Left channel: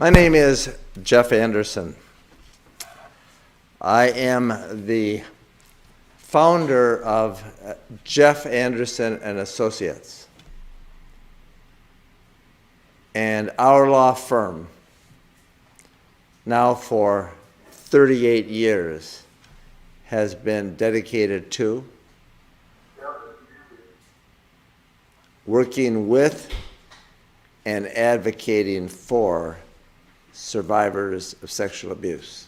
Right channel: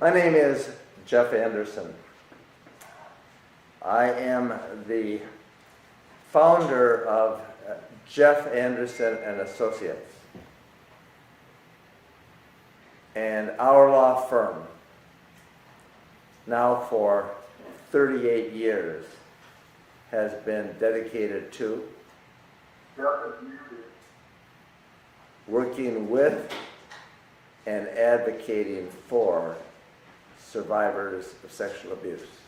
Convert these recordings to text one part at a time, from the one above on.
My name is Jeff Anderson. I am the founder of Jeff Anderson and Associates. And our law firm, now for 38 years, has been dedicated to working with and advocating for survivors of sexual abuse.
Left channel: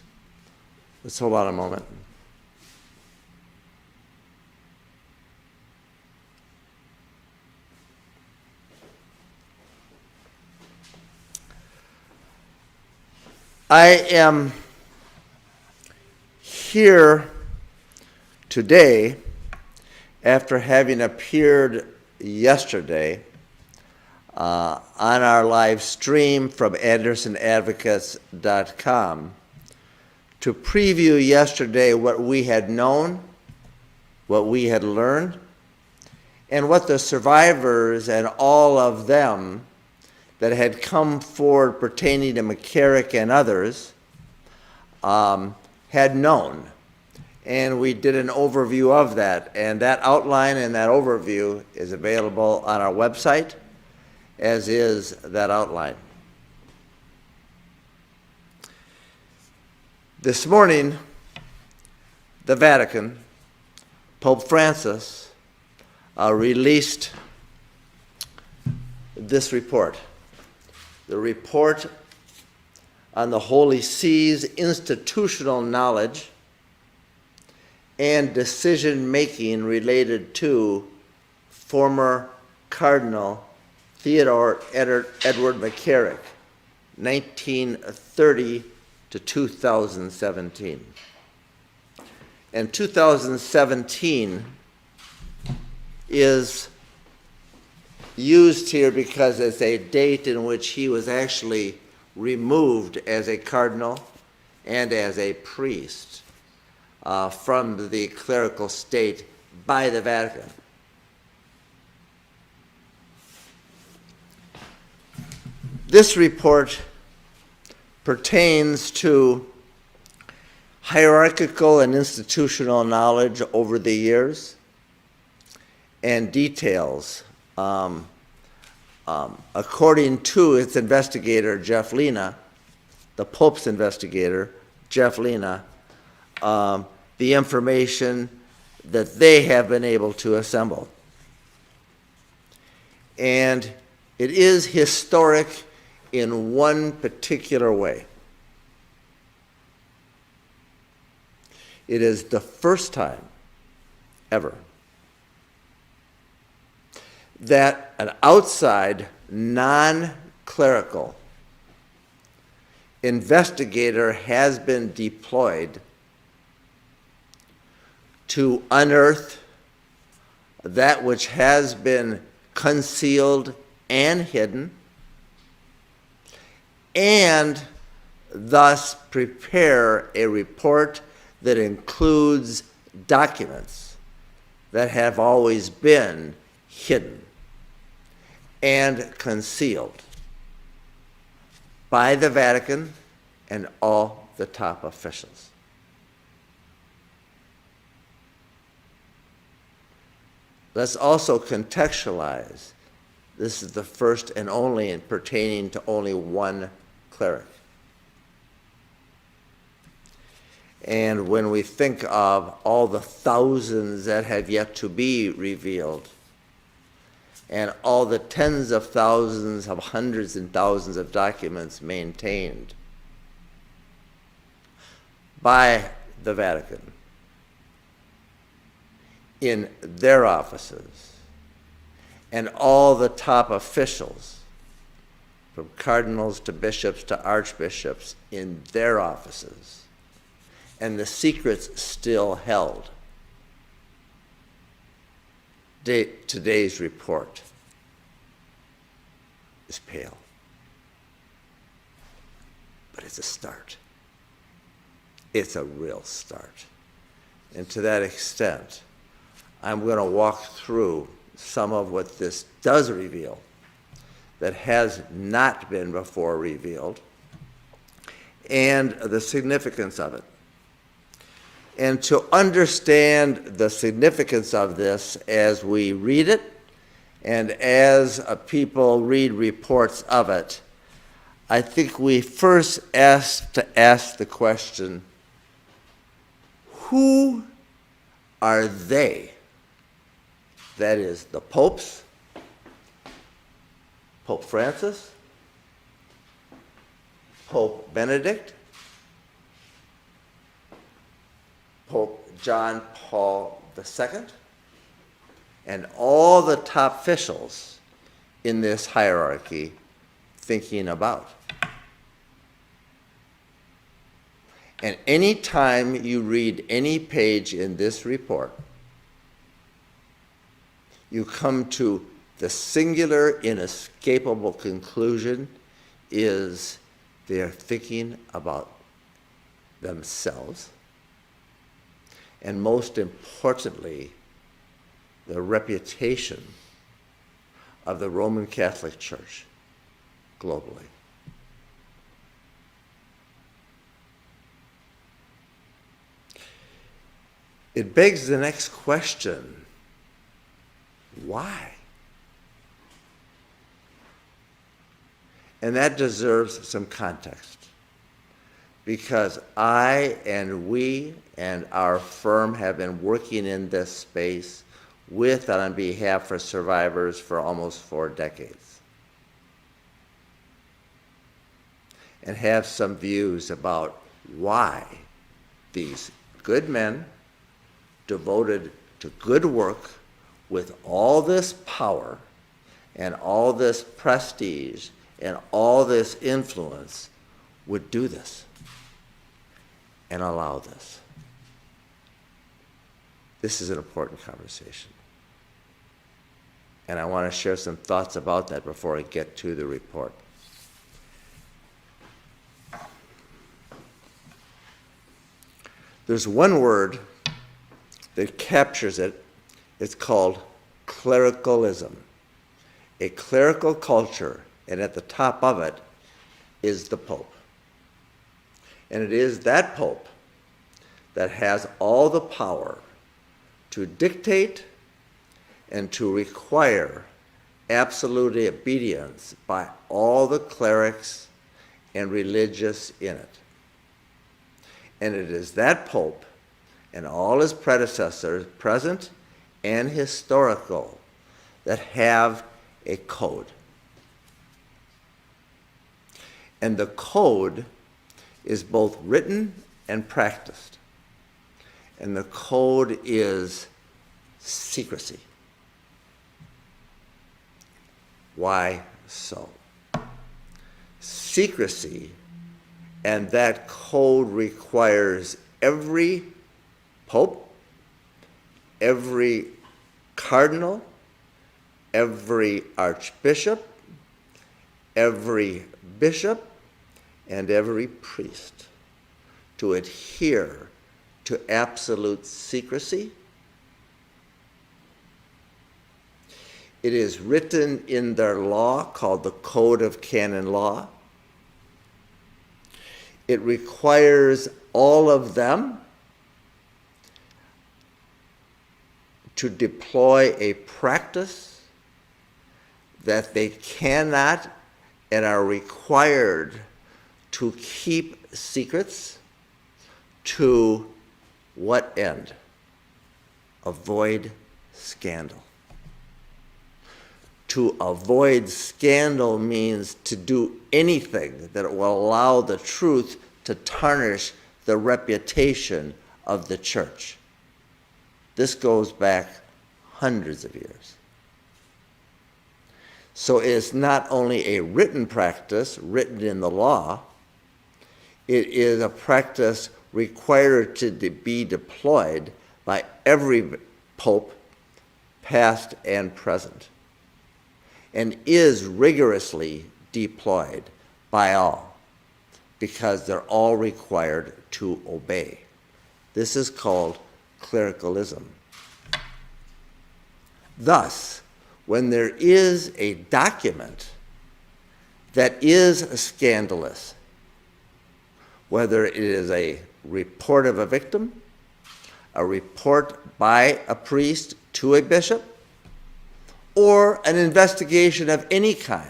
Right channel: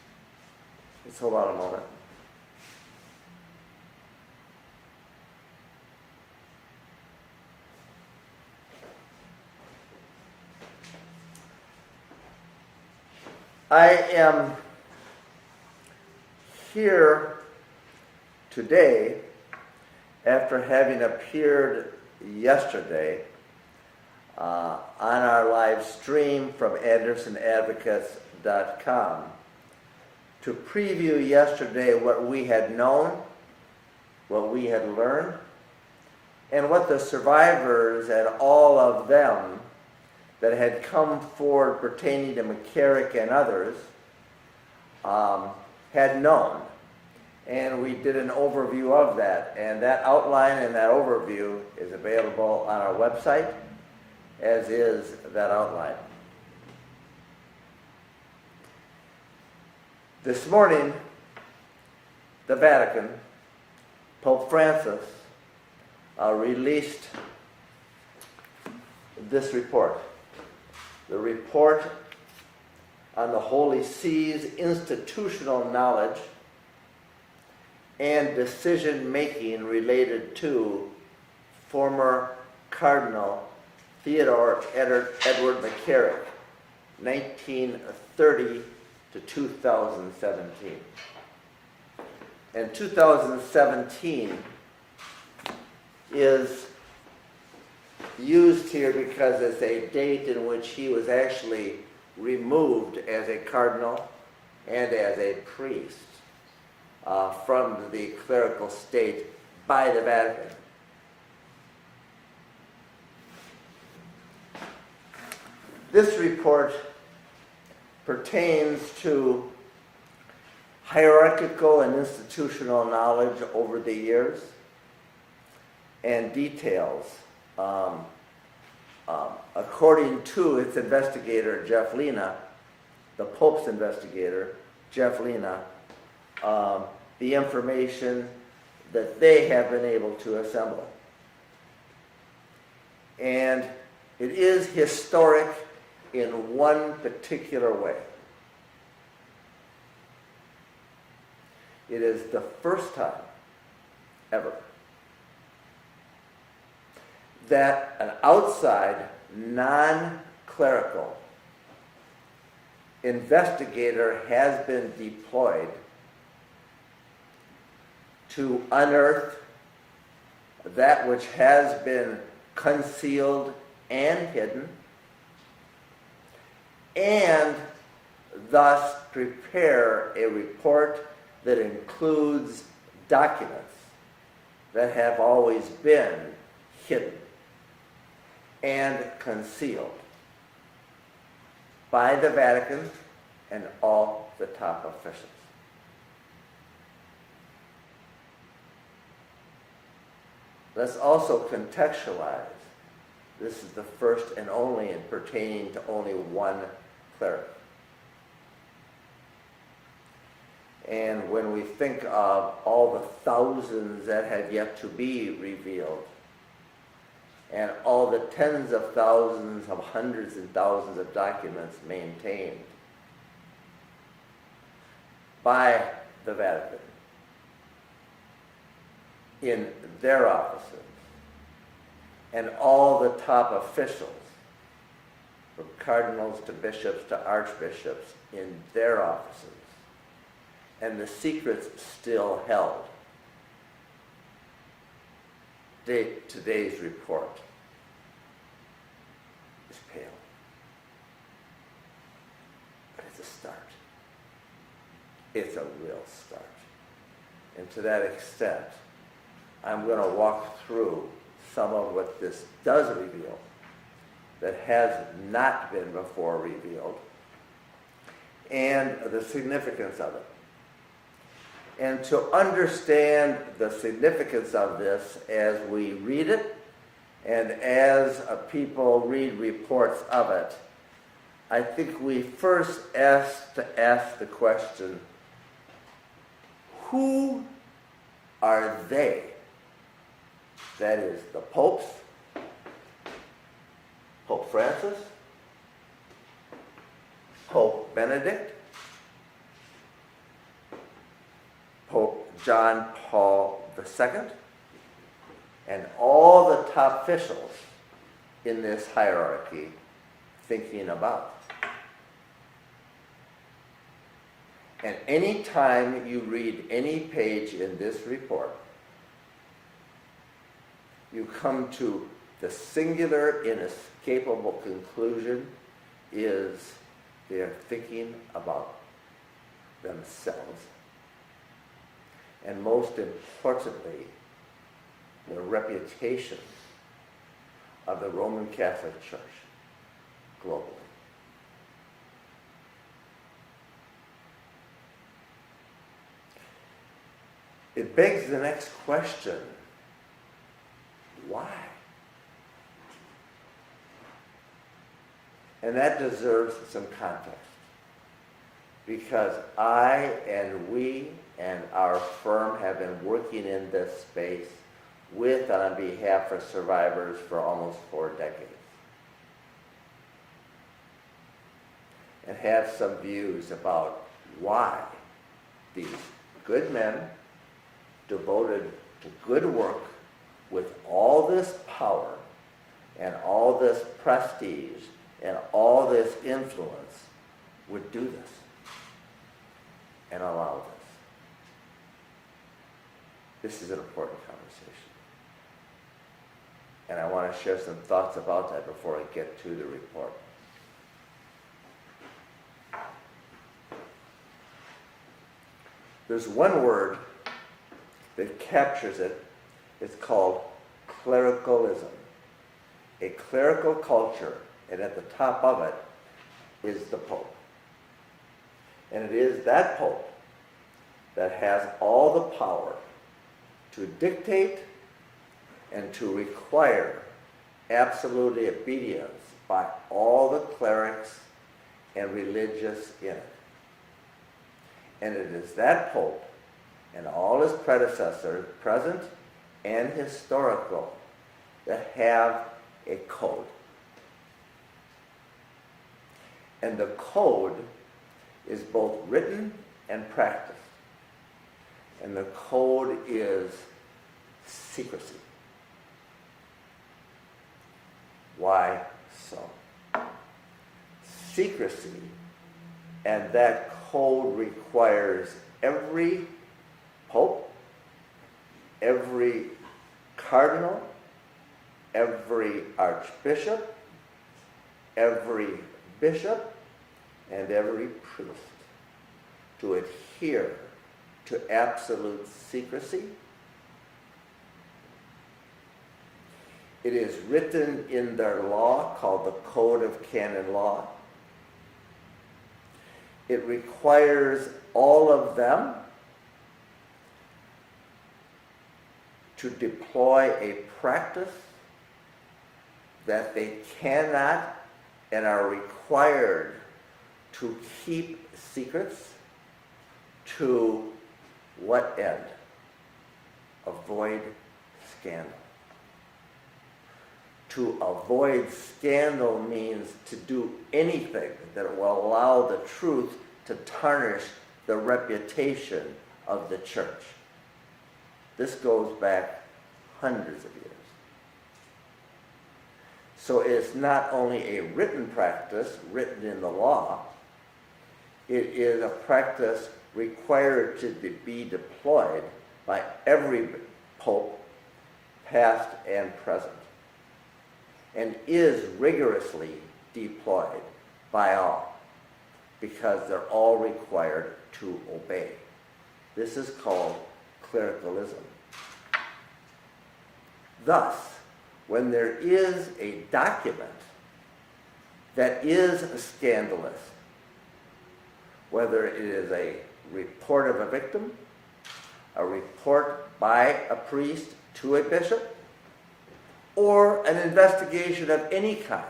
Let's hold on a moment. I am here today after having appeared yesterday on our live stream from AndersonAdvocates.com to preview yesterday what we had known, what we had learned, and what the survivors and all of them that had come forward pertaining to McCarrick and others had known. And we did an overview of that. And that outline and that overview is available on our website, as is that outline. This morning, the Vatican, Pope Francis, released this report. The report on the Holy See's institutional knowledge and decision-making related to former Cardinal Theodore Edward McCarrick, 1930 to 2017. And 2017 is used here because it's a date in which he was actually removed as a cardinal and as a priest from the clerical state by the Vatican. This report pertains to hierarchical and institutional knowledge over the years and details. According to its investigator, Jeff Lina, the Pope's investigator, Jeff Lina, the information that they have been able to assemble. And it is historic in one particular way. It is the first time ever that an outside, non-clerical investigator has been deployed to unearth that which has been concealed and hidden, and thus prepare a report that includes documents that have always been hidden and concealed by the Vatican and all the top officials. Let's also contextualize. This is the first and only and pertaining to only one cleric. And when we think of all the thousands that have yet to be revealed, and all the tens of thousands of hundreds and thousands of documents maintained by the Vatican in their offices, and all the top officials, from cardinals to bishops to archbishops, in their offices, and the secrets still held. Today's report is pale, but it's a start. It's a real start. And to that extent, I'm going to walk through some of what this does reveal that has not been before revealed, and the significance of it. And to understand the significance of this as we read it, and as people read reports of it, I think we first ask the question, who are they? That is, the popes, Pope Francis, Pope Benedict, Pope John Paul II, and all the top officials in this hierarchy thinking about. And any time you read any page in this report, you come to the singular, inescapable conclusion is they're thinking about themselves, and most importantly, the reputation of the Roman Catholic Church globally. It begs the next question, why? And that deserves some context, because I and we and our firm have been working in this space with and on behalf of survivors for almost 4 decades, and have some views about why these good men devoted to good work with all this power and all this prestige and all this influence would do this and allow this. This is an important conversation. And I want to share some thoughts about that before I get to the report. There's one word that captures it. It's called clericalism. A clerical culture, and at the top of it is the Pope. And it is that Pope that has all the power to dictate and to require absolute obedience by all the clerics and religious in it. And it is that Pope and all his predecessors, present and historical, that have a code. And the code is both written and practiced. And the code is secrecy. Why so? Secrecy, and that code requires every pope, every cardinal, every archbishop, every bishop, and every priest to adhere to absolute secrecy. It is written in their law called the Code of Canon Law. It requires all of them to deploy a practice that they cannot and are required to keep secrets. To what end? Avoid scandal. To avoid scandal means to do anything that will allow the truth to tarnish the reputation of the church. This goes back hundreds of years. So it's not only a written practice, written in the law, it is a practice required to be deployed by every pope, past and present, and is rigorously deployed by all, because they're all required to obey. This is called clericalism. Thus, when there is a document that is scandalous, whether it is a report of a victim, a report by a priest to a bishop, or an investigation of any kind.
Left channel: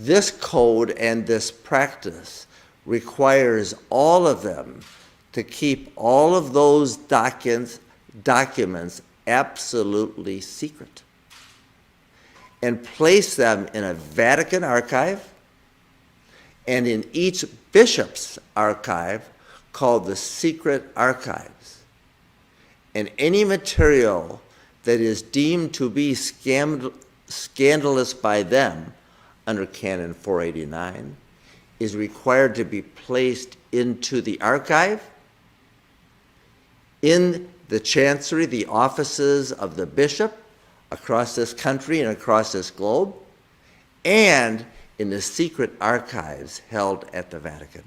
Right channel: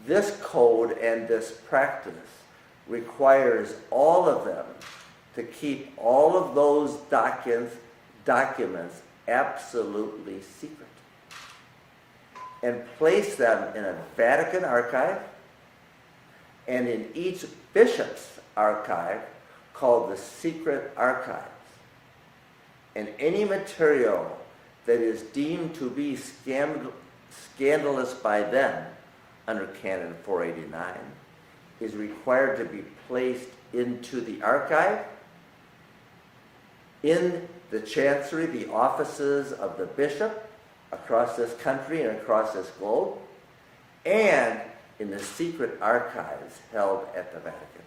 This code and this practice requires all of them to keep all of those documents absolutely secret and place them in a Vatican archive and in each bishop's archive called the secret archives. And any material that is deemed to be scandalous by them under Canon 489 is required to be placed into the archive, in the chancery, the offices of the bishop across this country and across this globe, and in the secret archives held at the Vatican.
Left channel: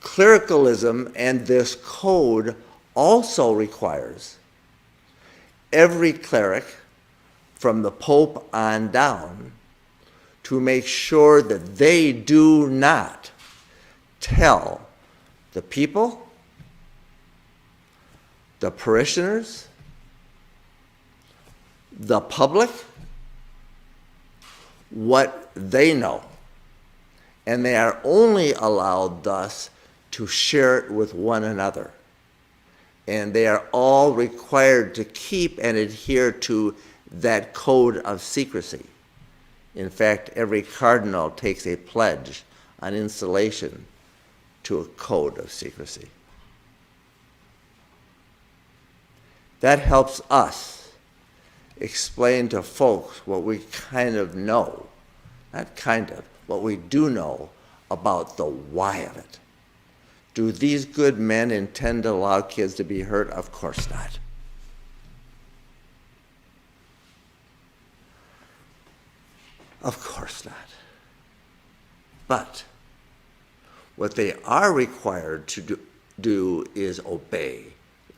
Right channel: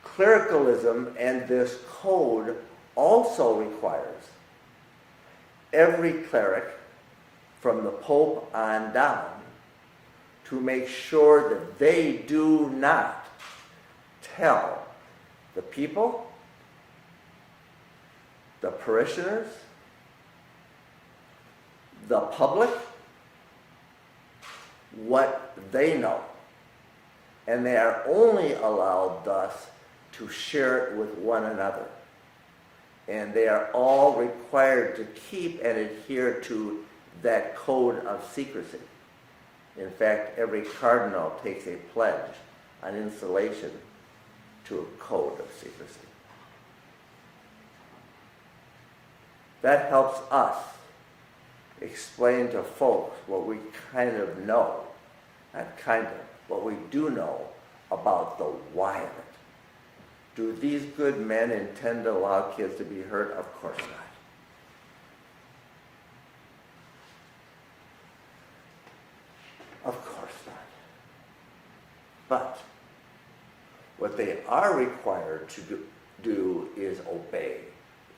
Clericalism and this code also requires every cleric, from the Pope on down, to make sure that they do not tell the people, the parishioners, the public, what they know. And they are only allowed thus to share it with one another. And they are all required to keep and adhere to that code of secrecy. In fact, every cardinal takes a pledge on installation to a code of secrecy. That helps us explain to folks what we kind of know, not kind of, what we do know about the why of it. Do these good men intend to allow kids to be hurt? Of course not. Of course not. But what they are required to do is obey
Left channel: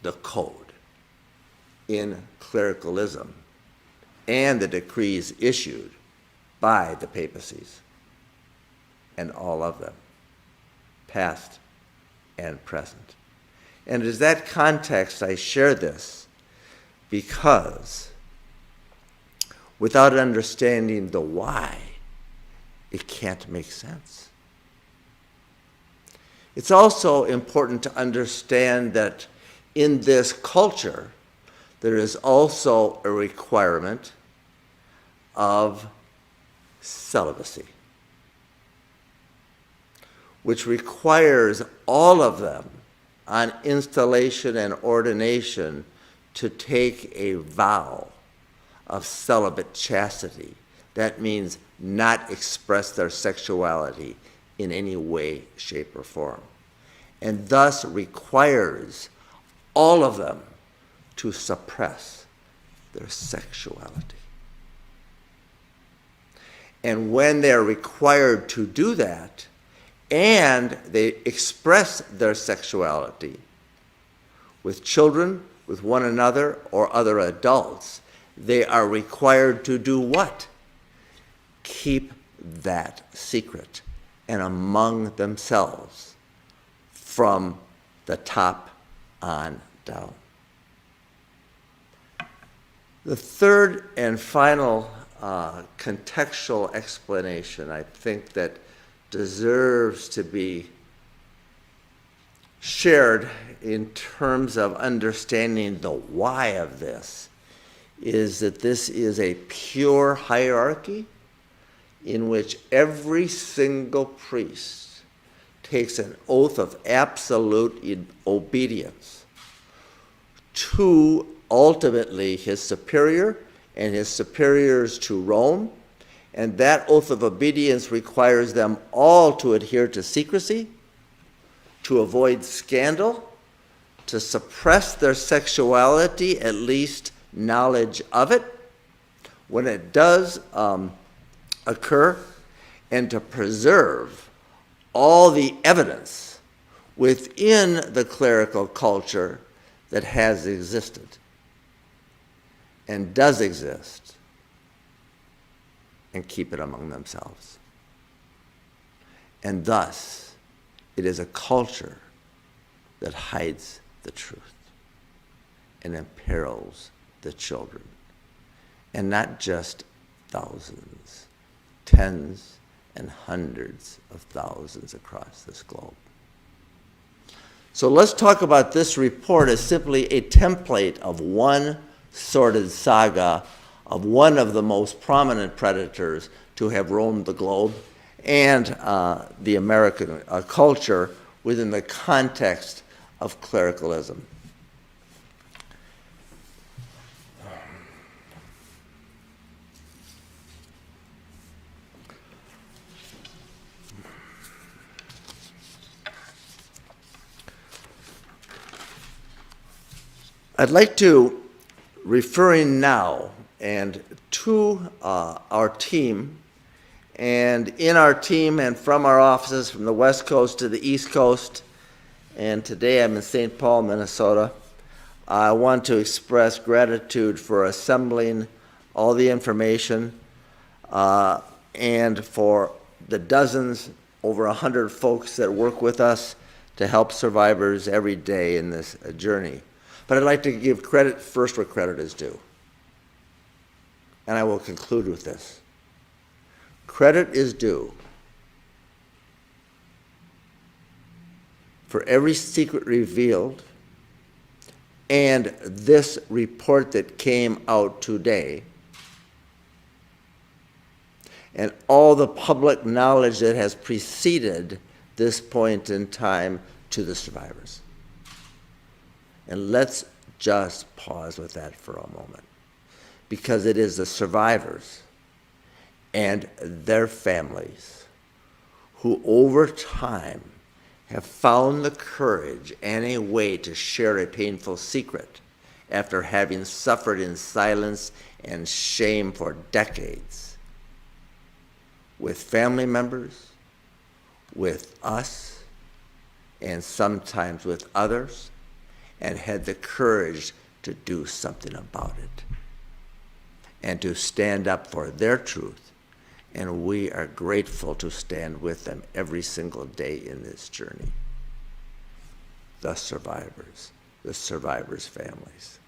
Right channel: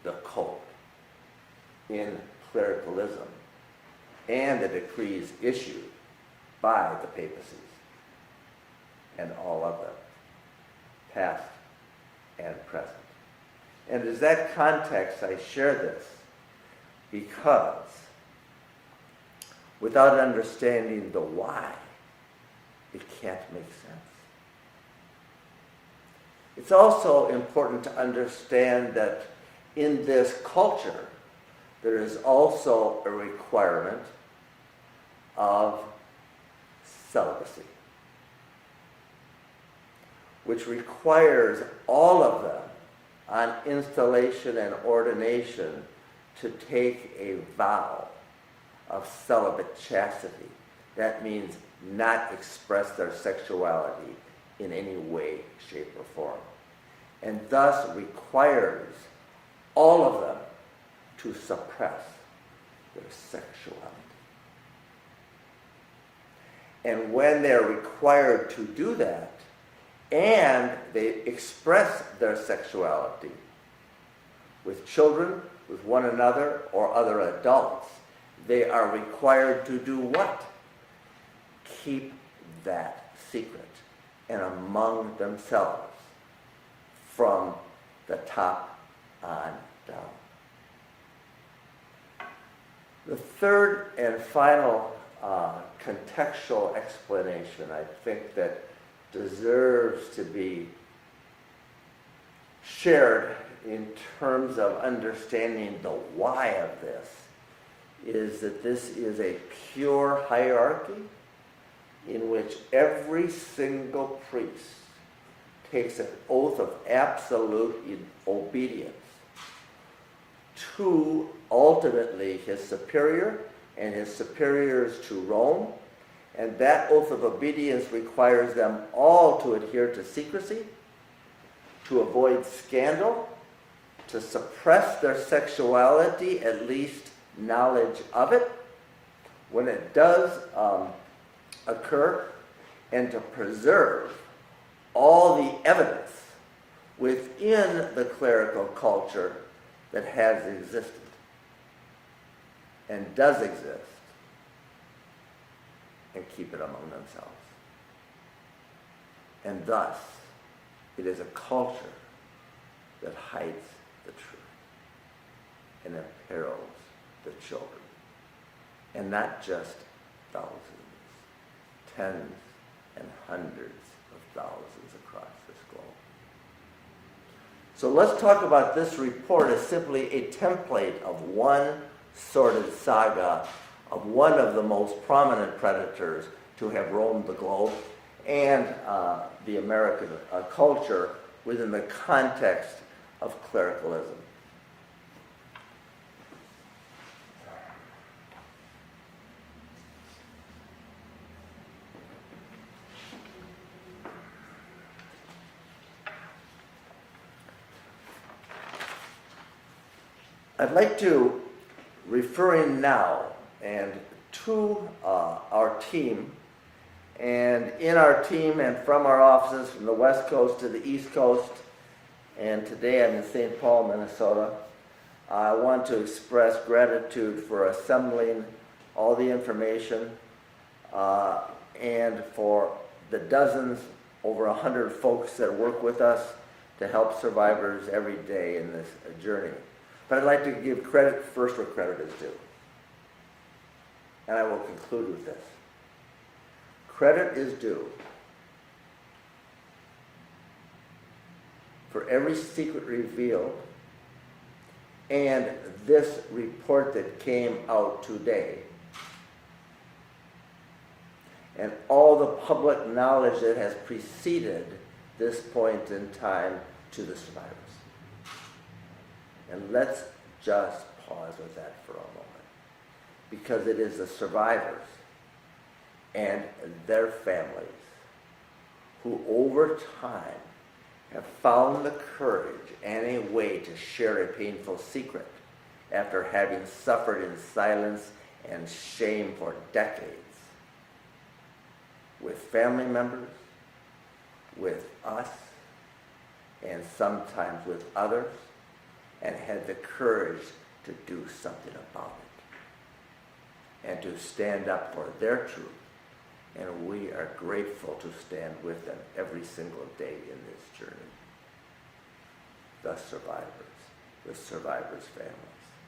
the code in clericalism and the decrees issued by the papacies, and all of them, past and present. And it is that context I share this, because without understanding the why, it can't make sense. It's also important to understand that in this culture, there is also a requirement of celibacy, which requires all of them on installation and ordination to take a vow of celibate chastity. That means not express their sexuality in any way, shape, or form, and thus requires all of them to suppress their sexuality. And when they're required to do that, and they express their sexuality with children, with one another, or other adults, they are required to do what? Keep that secret and among themselves from the top on down. The third and final contextual explanation, I think, that deserves to be shared in terms of understanding the why of this is that this is a pure hierarchy in which every single priest takes an oath of absolute obedience to ultimately his superior and his superiors to Rome. And that oath of obedience requires them all to adhere to secrecy, to avoid scandal, to suppress their sexuality, at least knowledge of it, when it does occur, and to preserve all the evidence within the clerical culture that has existed and does exist, and keep it among themselves. And thus, it is a culture that hides the truth and imperils the children. And not just thousands, tens and hundreds of thousands across this globe. So let's talk about this report as simply a template of one sordid saga of one of the most prominent predators to have roamed the globe and the American culture within the context of clericalism. I'd like to, referring now and to our team, and in our team and from our offices from the West Coast to the East Coast, and today I'm in St. Paul, Minnesota, I want to express gratitude for assembling all the information and for the dozens, over 100 folks that work with us to help survivors every day in this journey. But I'd like to give credit first where credit is due. And I will conclude with this. Credit is due for every secret revealed and this report that came out today and all the public knowledge that has preceded this point in time to the survivors. And let's just pause with that for a moment, because it is the survivors and their families who over time have found the courage and a way to share a painful secret after having suffered in silence and shame for decades with family members, with us, and sometimes with others, and had the courage to do something about it and to stand up for their truth. And we are grateful to stand with them every single day in this journey. The survivors' families.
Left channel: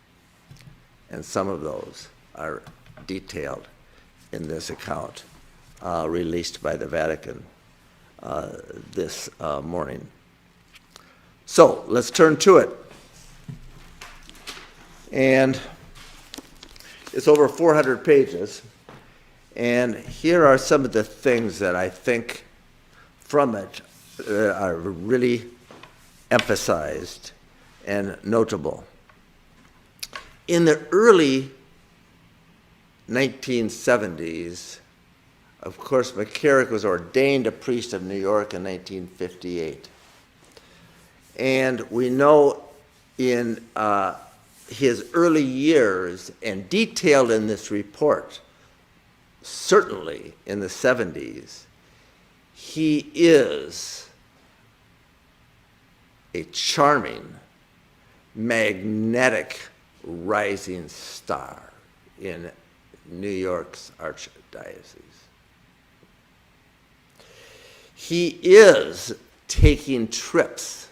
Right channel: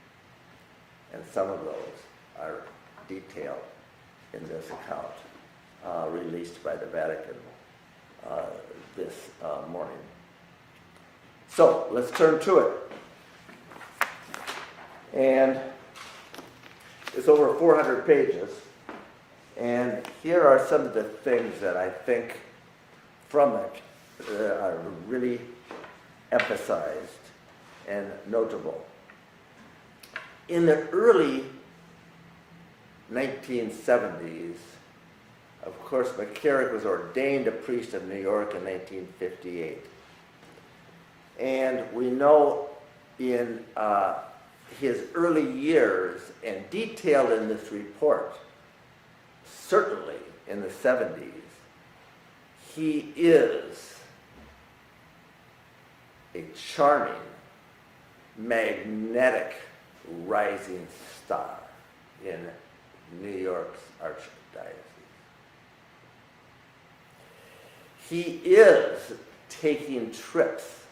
And some of those are detailed in this account released by the Vatican this morning. So let's turn to it. And it's over 400 pages. And here are some of the things that I think from it are really emphasized and notable. In the early 1970s, of course, McCarrick was ordained a priest of New York in 1958. And we know in his early years, and detailed in this report, certainly in the 70s, he is a charming, magnetic, rising star in New York's archdiocese. He is taking trips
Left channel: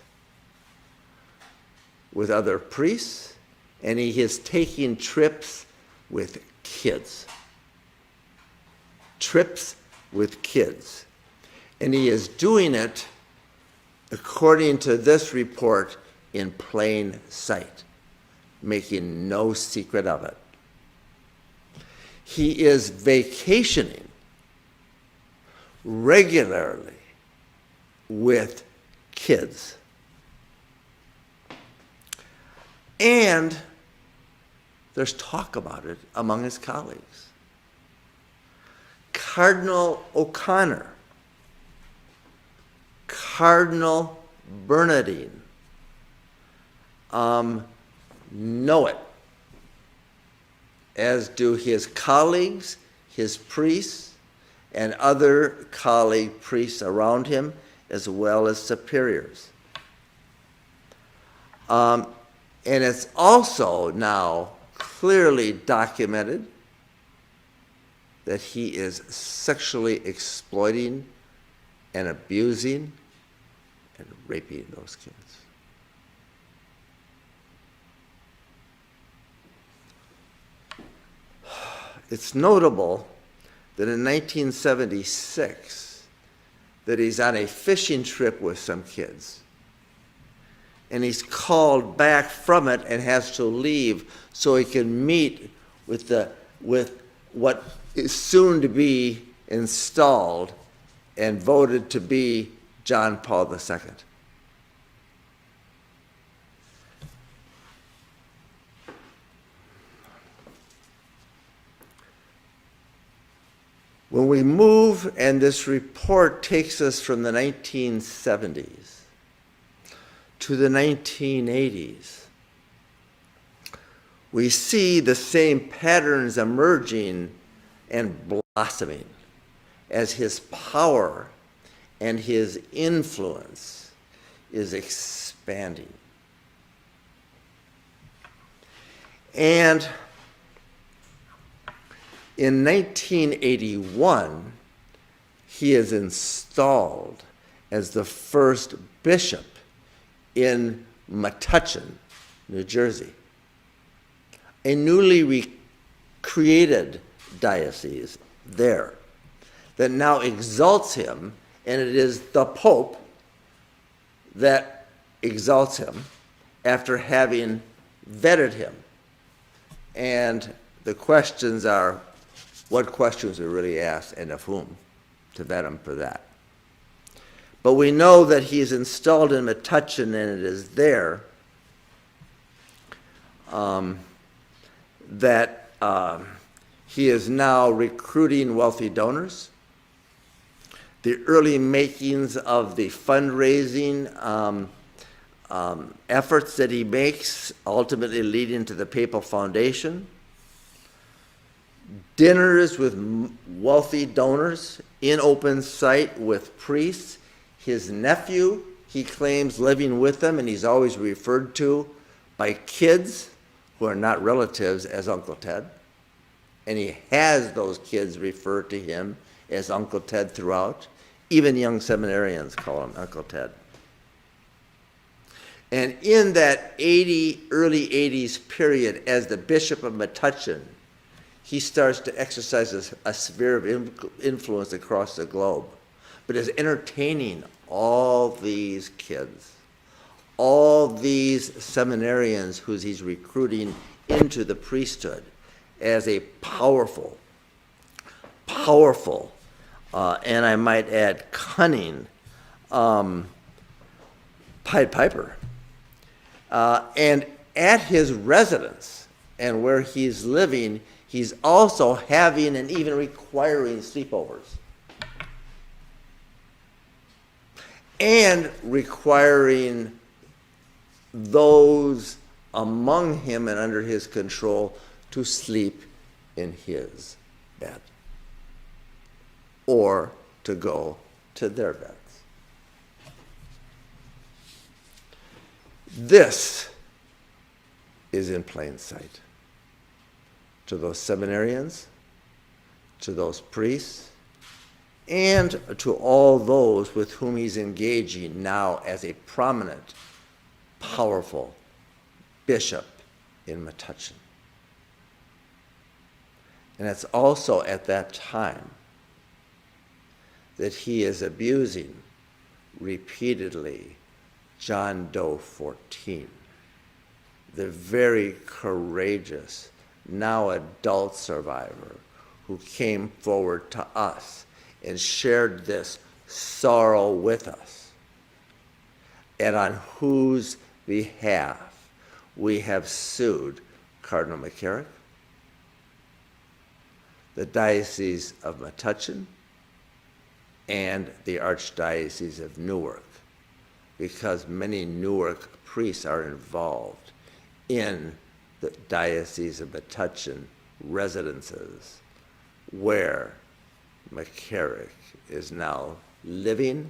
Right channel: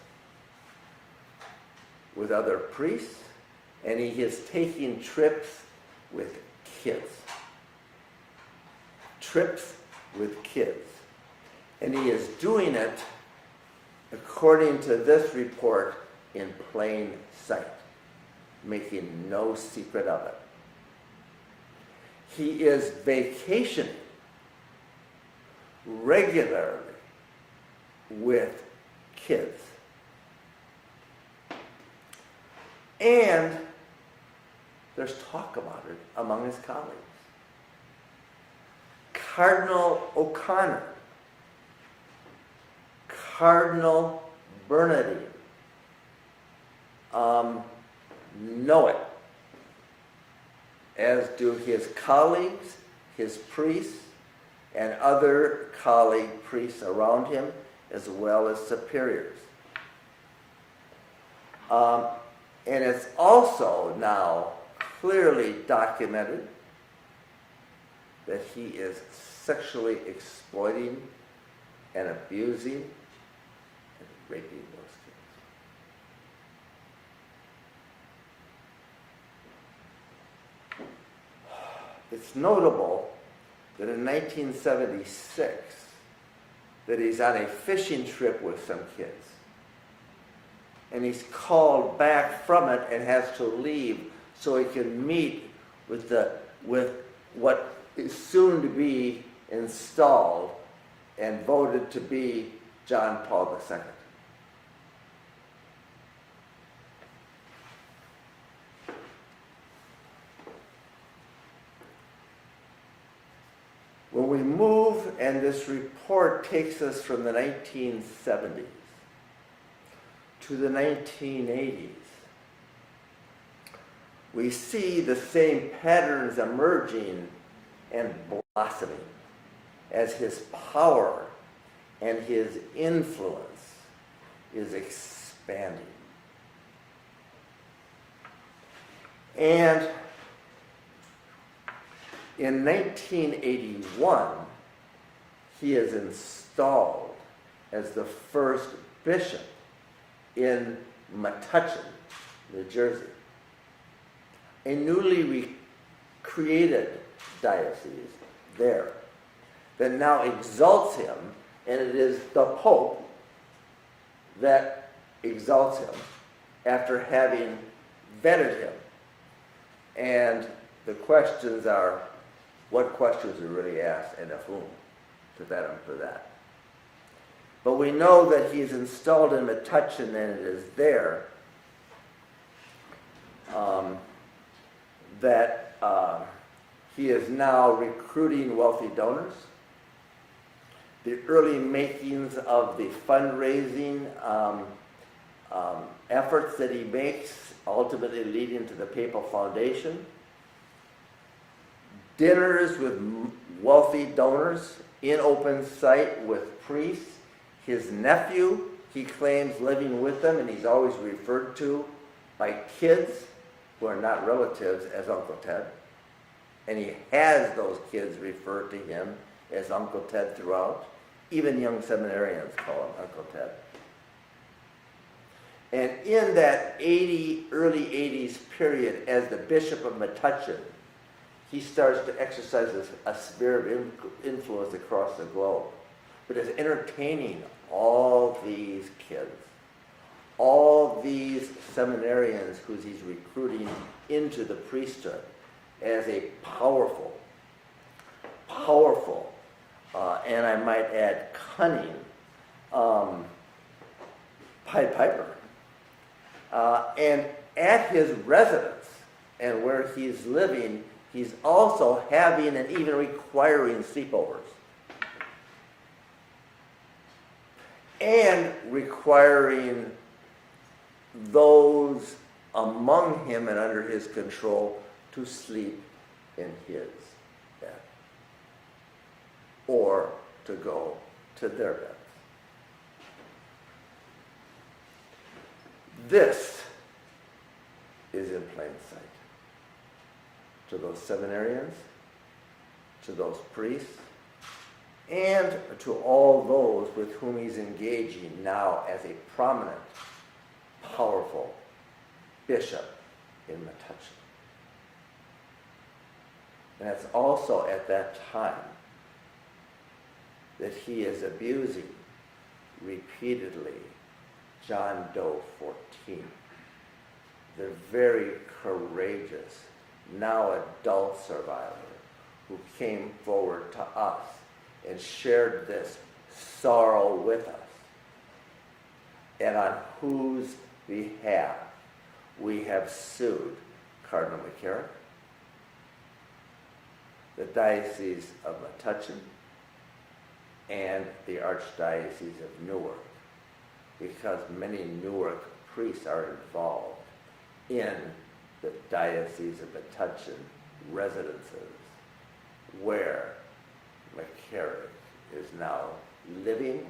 with other priests, and he is taking trips with kids. Trips with kids. And he is doing it, according to this report, in plain sight, making no secret of it. He is vacationing regularly with kids. And there's talk about it among his colleagues. Cardinal O'Connor, Cardinal Bernardine know it, as do his colleagues, his priests, and other colleague priests around him, as well as superiors. And it's also now clearly documented that he is sexually exploiting and abusing and raping those kids. It's notable that in 1976, that he's on a fishing trip with some kids. And he's called back from it and has to leave so he can meet with what is soon to be installed and voted to be John Paul II. When we move, and this report takes us from the 1970s to the 1980s, we see the same patterns emerging and blossoming as his power and his influence is expanding. And in 1981, he is installed as the first bishop in Metuchen, New Jersey, a newly created diocese there that now exalts him, and it is the Pope that exalts him after having vetted him. And the questions are, what questions are really asked and of whom to vet him for that? But we know that he's installed in Metuchen, and it is there that he is now recruiting wealthy donors. The early makings of the fundraising efforts that he makes, ultimately leading to the Papal Foundation. Dinners with wealthy donors in open sight with priests. His nephew, he claims, living with them, and he's always referred to by kids who are not relatives as Uncle Ted. And he has those kids refer to him as Uncle Ted throughout. Even young seminarians call him Uncle Ted. And in that early 80s period, as the Bishop of Metuchen, he starts to exercise a sphere of influence across the globe, but is entertaining all these kids, all these seminarians who he's recruiting into the priesthood as a powerful, and I might add cunning, Pied Piper. And at his residence and where he's living, he's also having and even requiring sleepovers. And requiring those among him and under his control to sleep in his bed or to go to their beds. This is in plain sight to those seminarians, to those priests, and to all those with whom he's engaging now as a prominent, powerful bishop in Metuchen. And it's also at that time that he is abusing repeatedly John Doe 14, the very courageous, now adult survivor who came forward to us and shared this sorrow with us, and on whose behalf we have sued Cardinal McCarrick, the Diocese of Metuchen, and the Archdiocese of Newark, because many Newark priests are involved in the Diocese of Metuchen residences where McCarrick is now living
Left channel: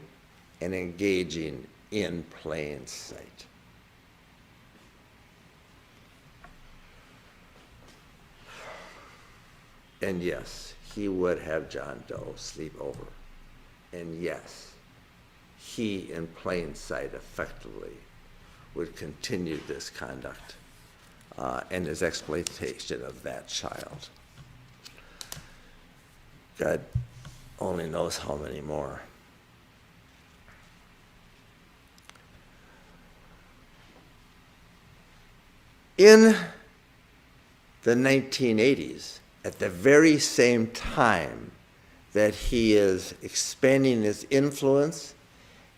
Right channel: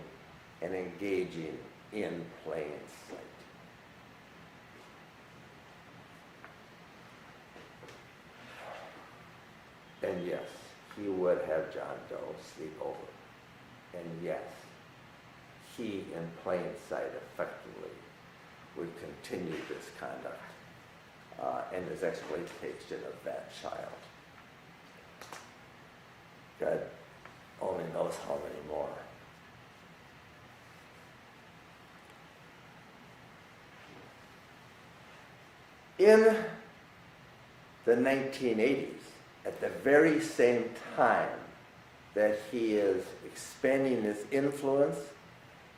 and engaging in plain sight. And yes, he would have John Doe sleep over. And yes, he, in plain sight, effectively would continue this conduct and his exploitation of that child. God only knows how many more. In the 1980s, at the very same time that he is expanding his influence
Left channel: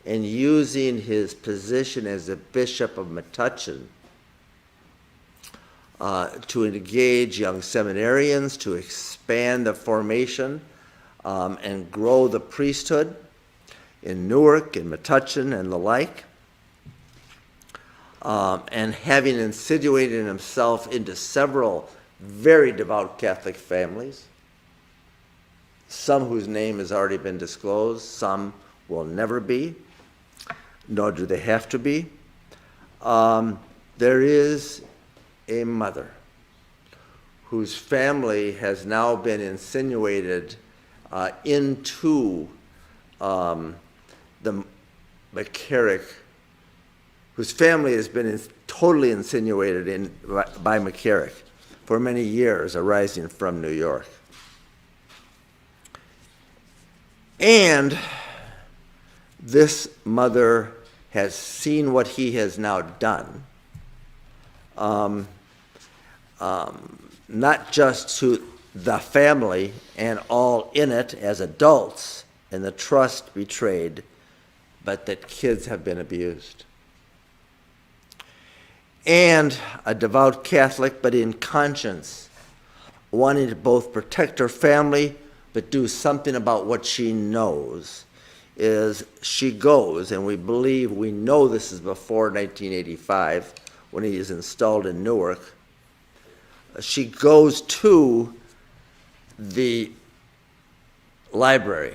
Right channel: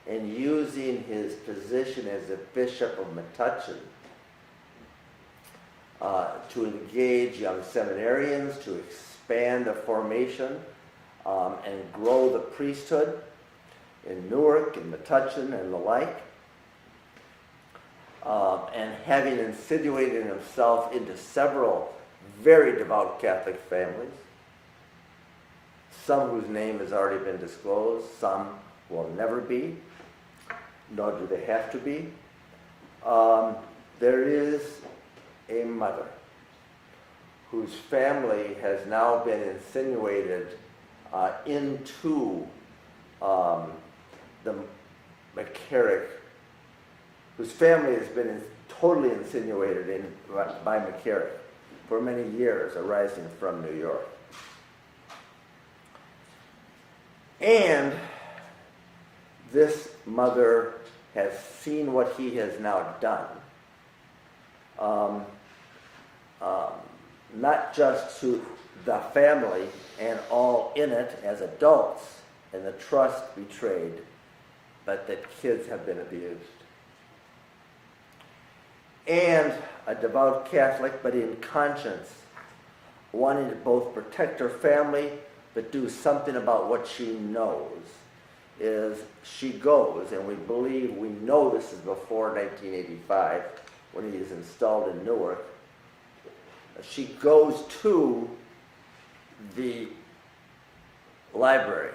and using his position as a bishop of Metuchen to engage young seminarians, to expand the formation and grow the priesthood in Newark and Metuchen and the like, and having insinuated himself into several very devout Catholic families, some whose name has already been disclosed, some will never be, nor do they have to be. There is a mother whose family has now been insinuated into the McCarrick, whose family has been totally insinuated by McCarrick for many years, arising from New York. And this mother has seen what he has now done, not just to the family and all in it as adults, and the trust betrayed, but that kids have been abused. And a devout Catholic, but in conscience, wanting to both protect her family, but do something about what she knows, is she goes, and we know this is before 1985, when he is installed in Newark. She goes to the library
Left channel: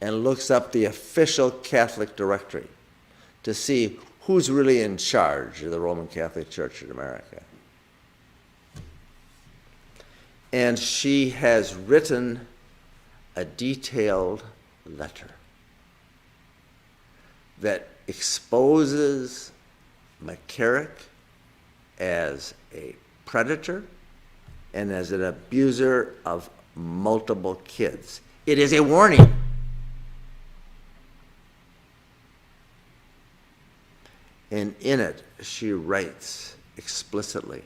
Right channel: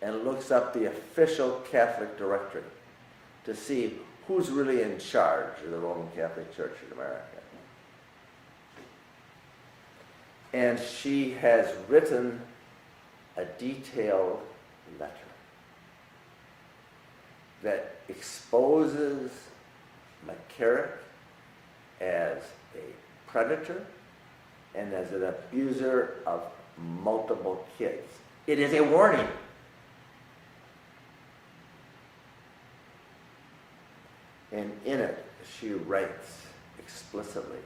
and looks up the official Catholic directory to see who's really in charge of the Roman Catholic Church in America. And she has written a detailed letter that exposes McCarrick as a predator and as an abuser of multiple kids. It is a warning. And in it, she writes explicitly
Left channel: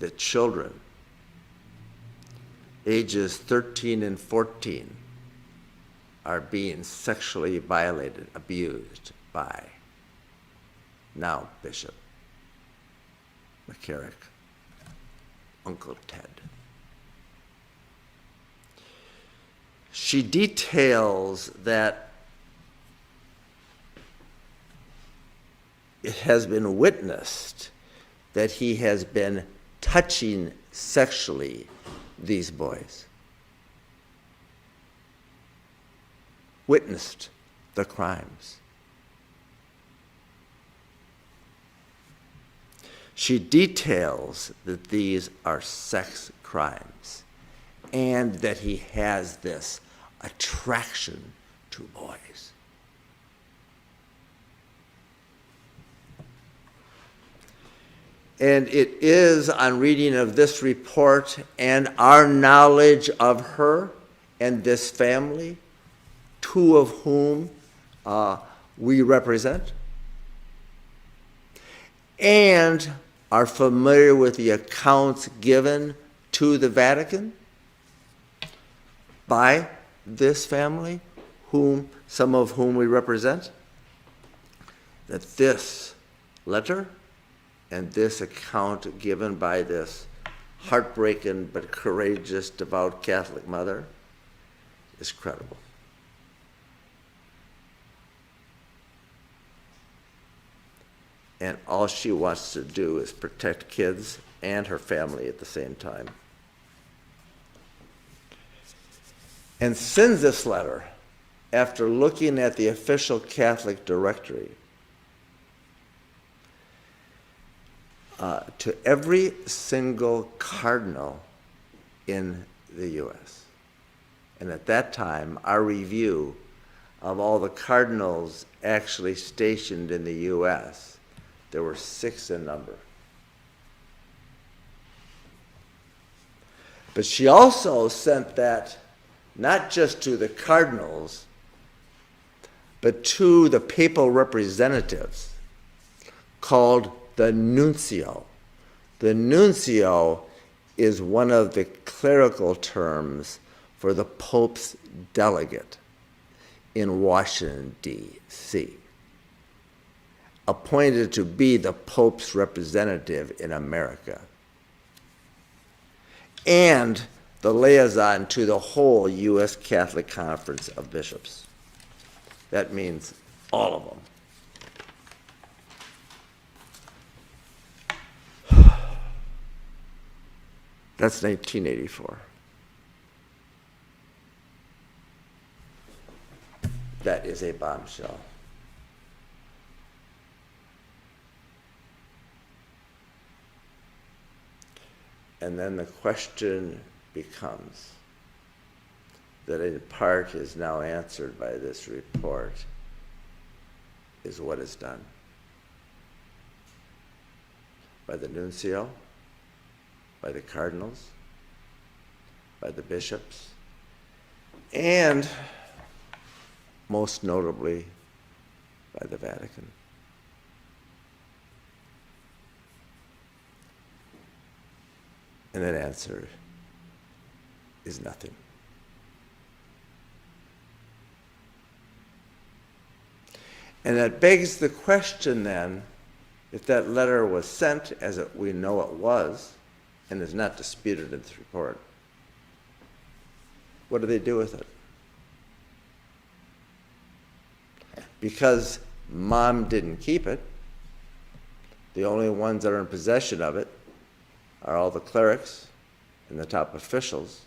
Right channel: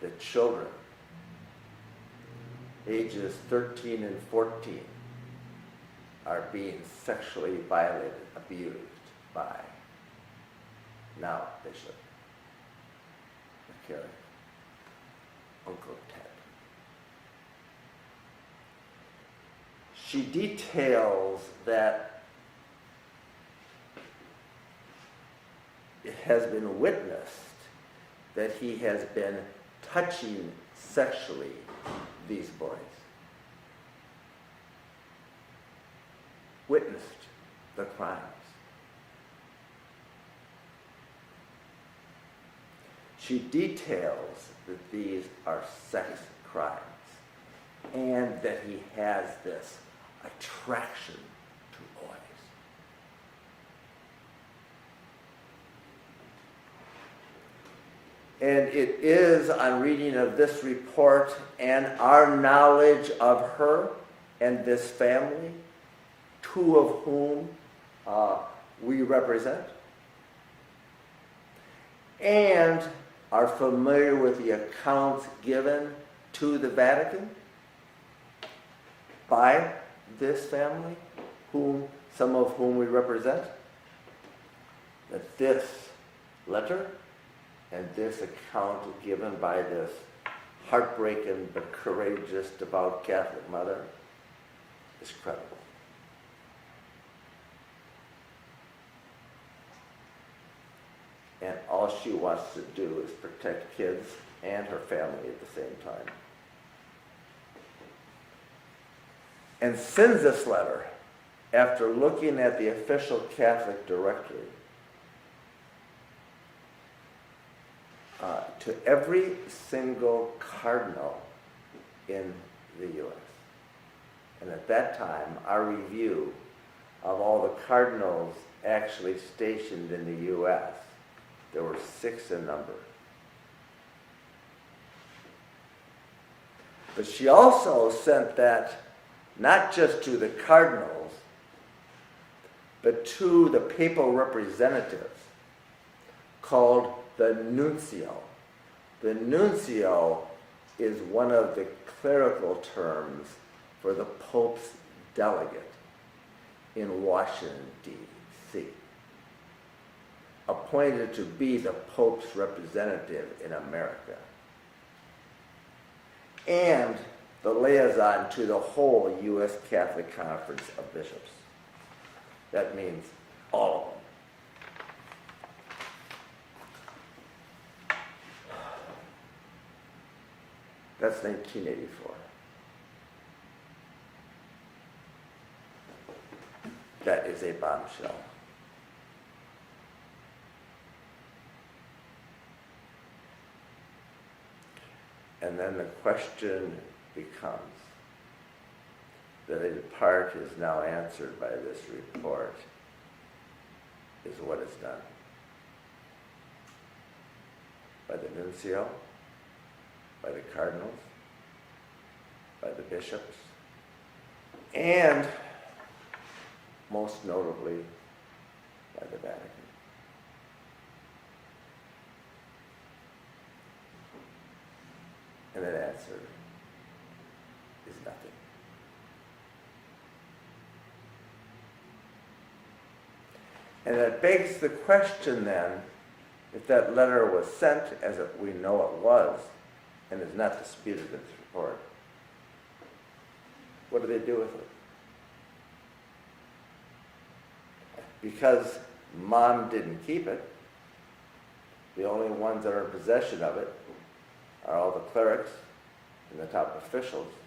that children ages 13 and 14 are being sexually violated, abused by now Bishop McCarrick, Uncle Ted. She details that it has been witnessed that he has been touching sexually these boys. Witnessed the crimes. She details that these are sex crimes and that he has this attraction to boys. And it is on reading of this report and our knowledge of her and this family, two of whom we represent, and are familiar with the accounts given to the Vatican by this family, some of whom we represent, that this letter and this account given by this heartbreaking but courageous, devout Catholic mother is credible. And all she wants to do is protect kids and her family at the same time. And sends this letter after looking at the official Catholic directory to every single cardinal in the U.S. And at that time, our review of all the cardinals actually stationed in the U.S. There were 6 in number. But she also sent that not just to the cardinals, but to the papal representatives called the nuncio. The nuncio is one of the clerical terms for the Pope's delegate in Washington, D.C., appointed to be the Pope's representative in America, and the liaison to the whole U.S. Catholic Conference of Bishops. That means all of them. That's 1984. That is a bombshell. And then the question becomes, that in part is now answered by this report, is what is done by the nuncio, by the cardinals, by the bishops, and most notably by the Vatican. And that answer is nothing. And that begs the question then, if that letter was sent, as we know it was, and is not disputed in this report, what do they do with it? Because Mom didn't keep it, the only ones that are in possession of it are all the clerics and the top officials,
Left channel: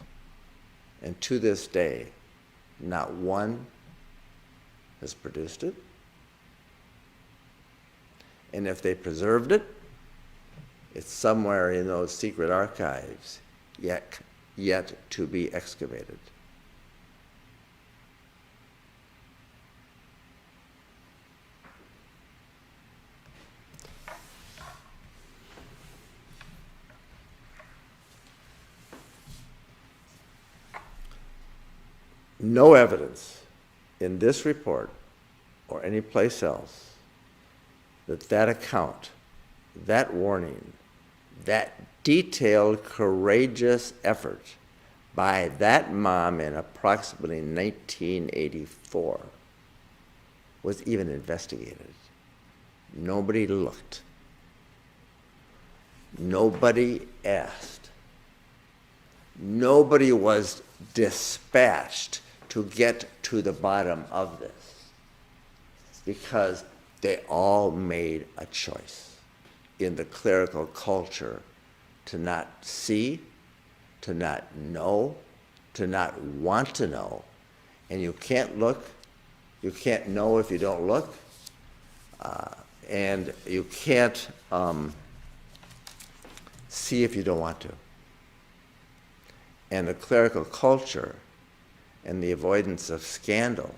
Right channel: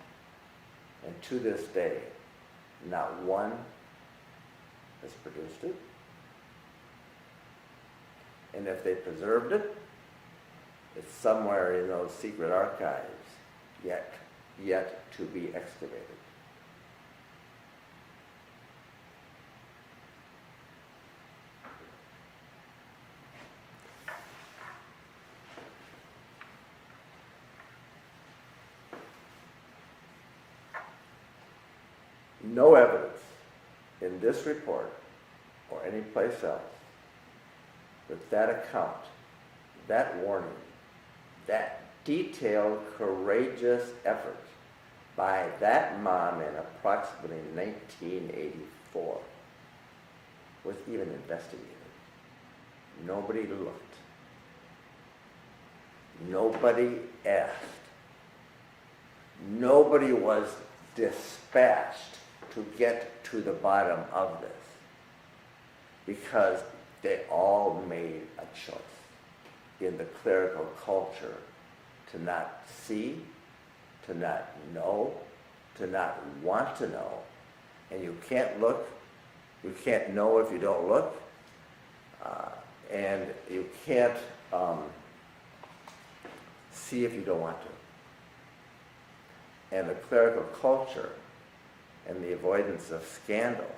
and to this day, not one has produced it. And if they preserved it, it's somewhere in those secret archives, yet to be excavated. No evidence in this report or any place else that account, that warning, that detailed, courageous effort by that mom in approximately 1984 was even investigated. Nobody looked. Nobody asked. Nobody was dispatched to get to the bottom of this, because they all made a choice in the clerical culture to not see, to not know, to not want to know. And you can't look, you can't know if you don't look, and you can't see if you don't want to. And the clerical culture and the avoidance of scandal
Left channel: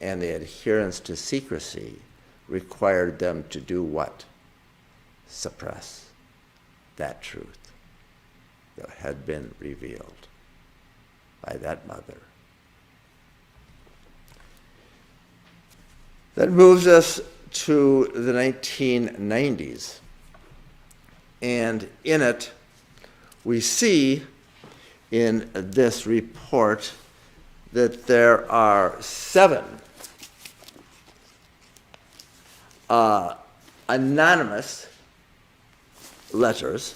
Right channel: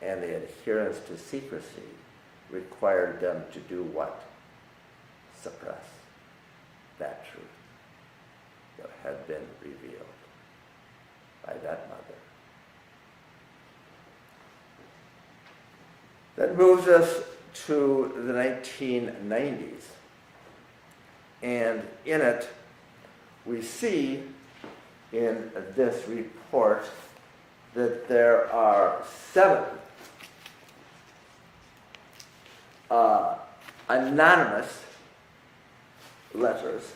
and the adherence to secrecy required them to do what? Suppress that truth that had been revealed by that mother. That moves us to the 1990s. And in it, we see in this report that there are 7 anonymous letters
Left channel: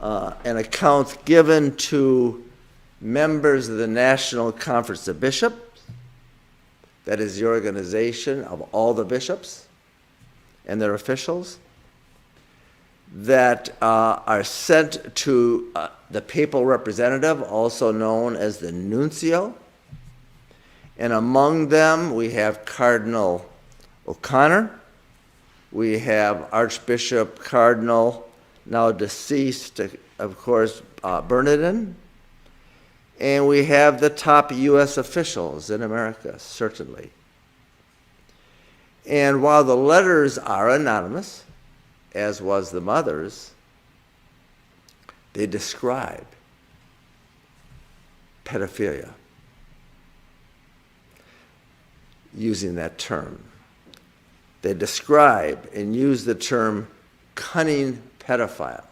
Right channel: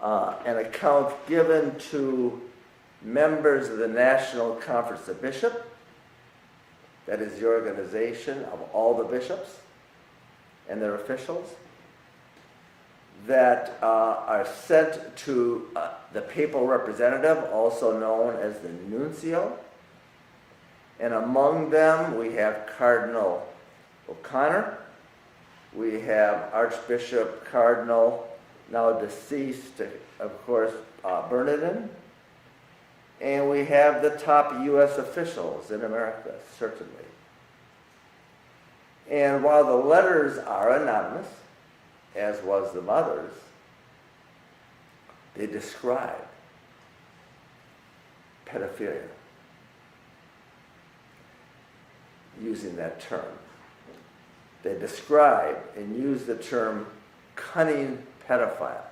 and accounts given to members of the National Conference of Bishops, that is the organization of all the bishops and their officials, that are sent to the papal representative, also known as the nuncio. And among them, we have Cardinal O'Connor, we have Archbishop Cardinal, now deceased, of course, Bernardin, And we have the top U.S. officials in America, certainly. And while the letters are anonymous, as was the mother's, they describe pedophilia using that term. They describe and use the term cunning pedophile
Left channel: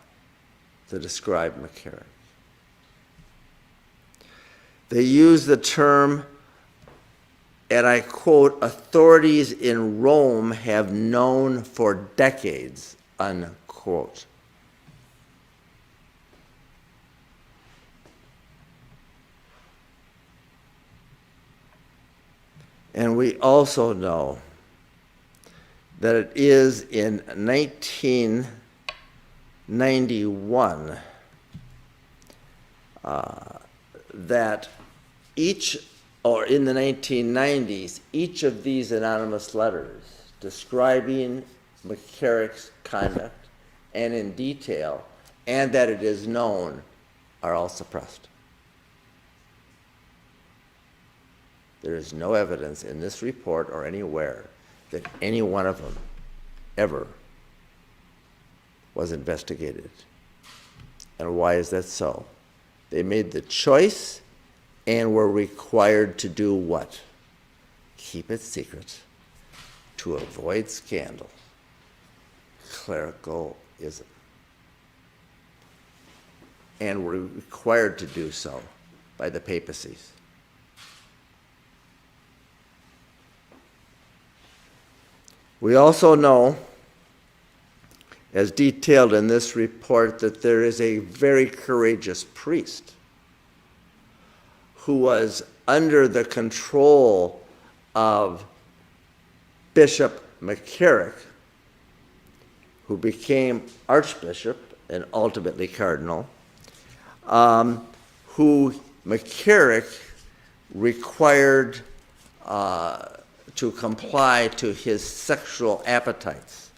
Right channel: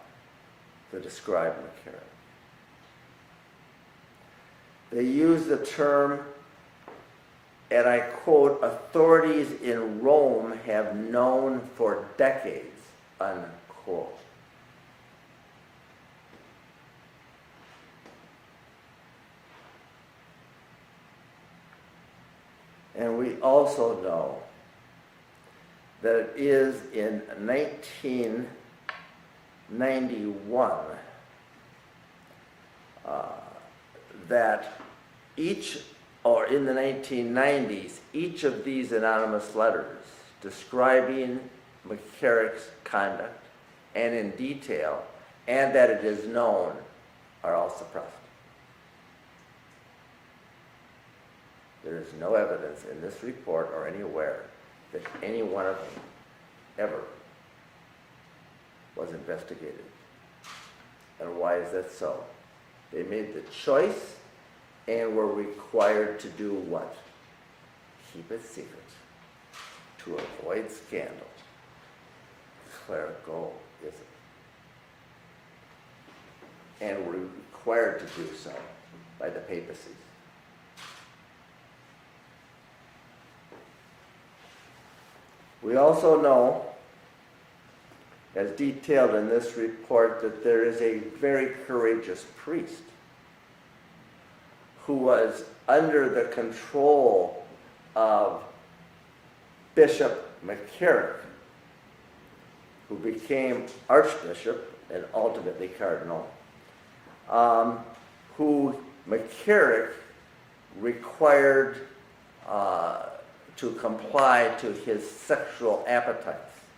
to describe McCarrick. They use the term, and I quote, authorities in Rome have known for decades, unquote. And we also know that it is in 1991 that each, or in the 1990s, each of these anonymous letters describing McCarrick's conduct and in detail, and that it is known, are all suppressed. There is no evidence in this report or anywhere that any one of them ever was investigated. And why is that so? They made the choice and were required to do what? Keep it secret to avoid scandal. Clericalism. And were required to do so by the papacies. We also know, as detailed in this report, that there is a very courageous priest who was under the control of Bishop McCarrick, who became Archbishop and ultimately Cardinal, who McCarrick required to comply to his sexual appetites,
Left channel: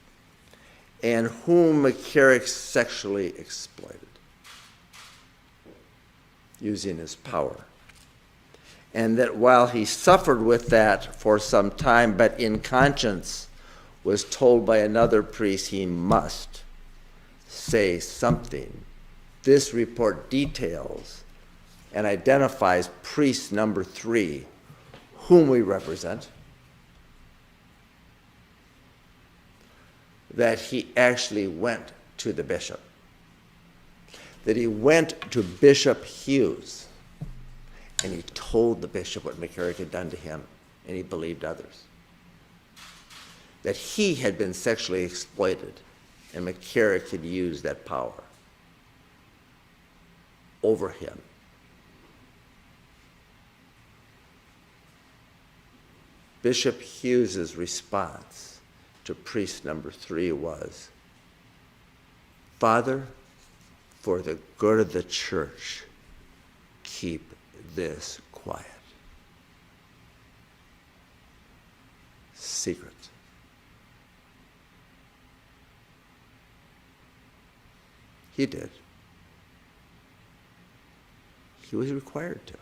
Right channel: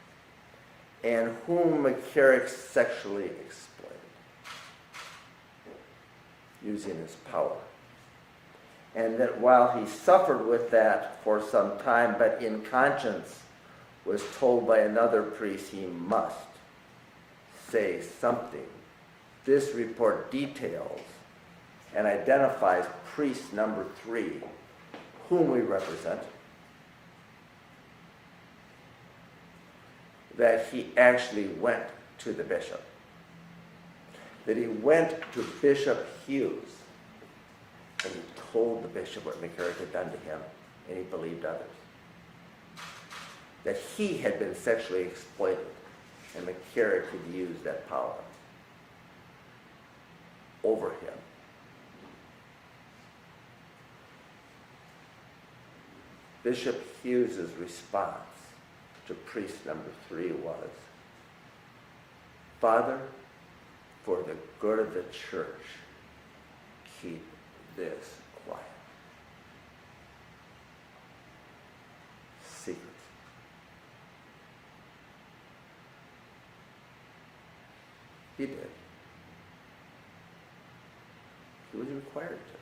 and whom McCarrick sexually exploited using his power. And that while he suffered with that for some time, but in conscience was told by another priest he must say something. This report details and identifies priest number 3, whom we represent, that he actually went to the bishop, that he went to Bishop Hughes, and he told the bishop what McCarrick had done to him, and he believed others. That he had been sexually exploited, and McCarrick had used that power over him. Bishop Hughes's response to priest number 3 was, Father, for the good of the church, keep this quiet. Secret. He did. He was required to.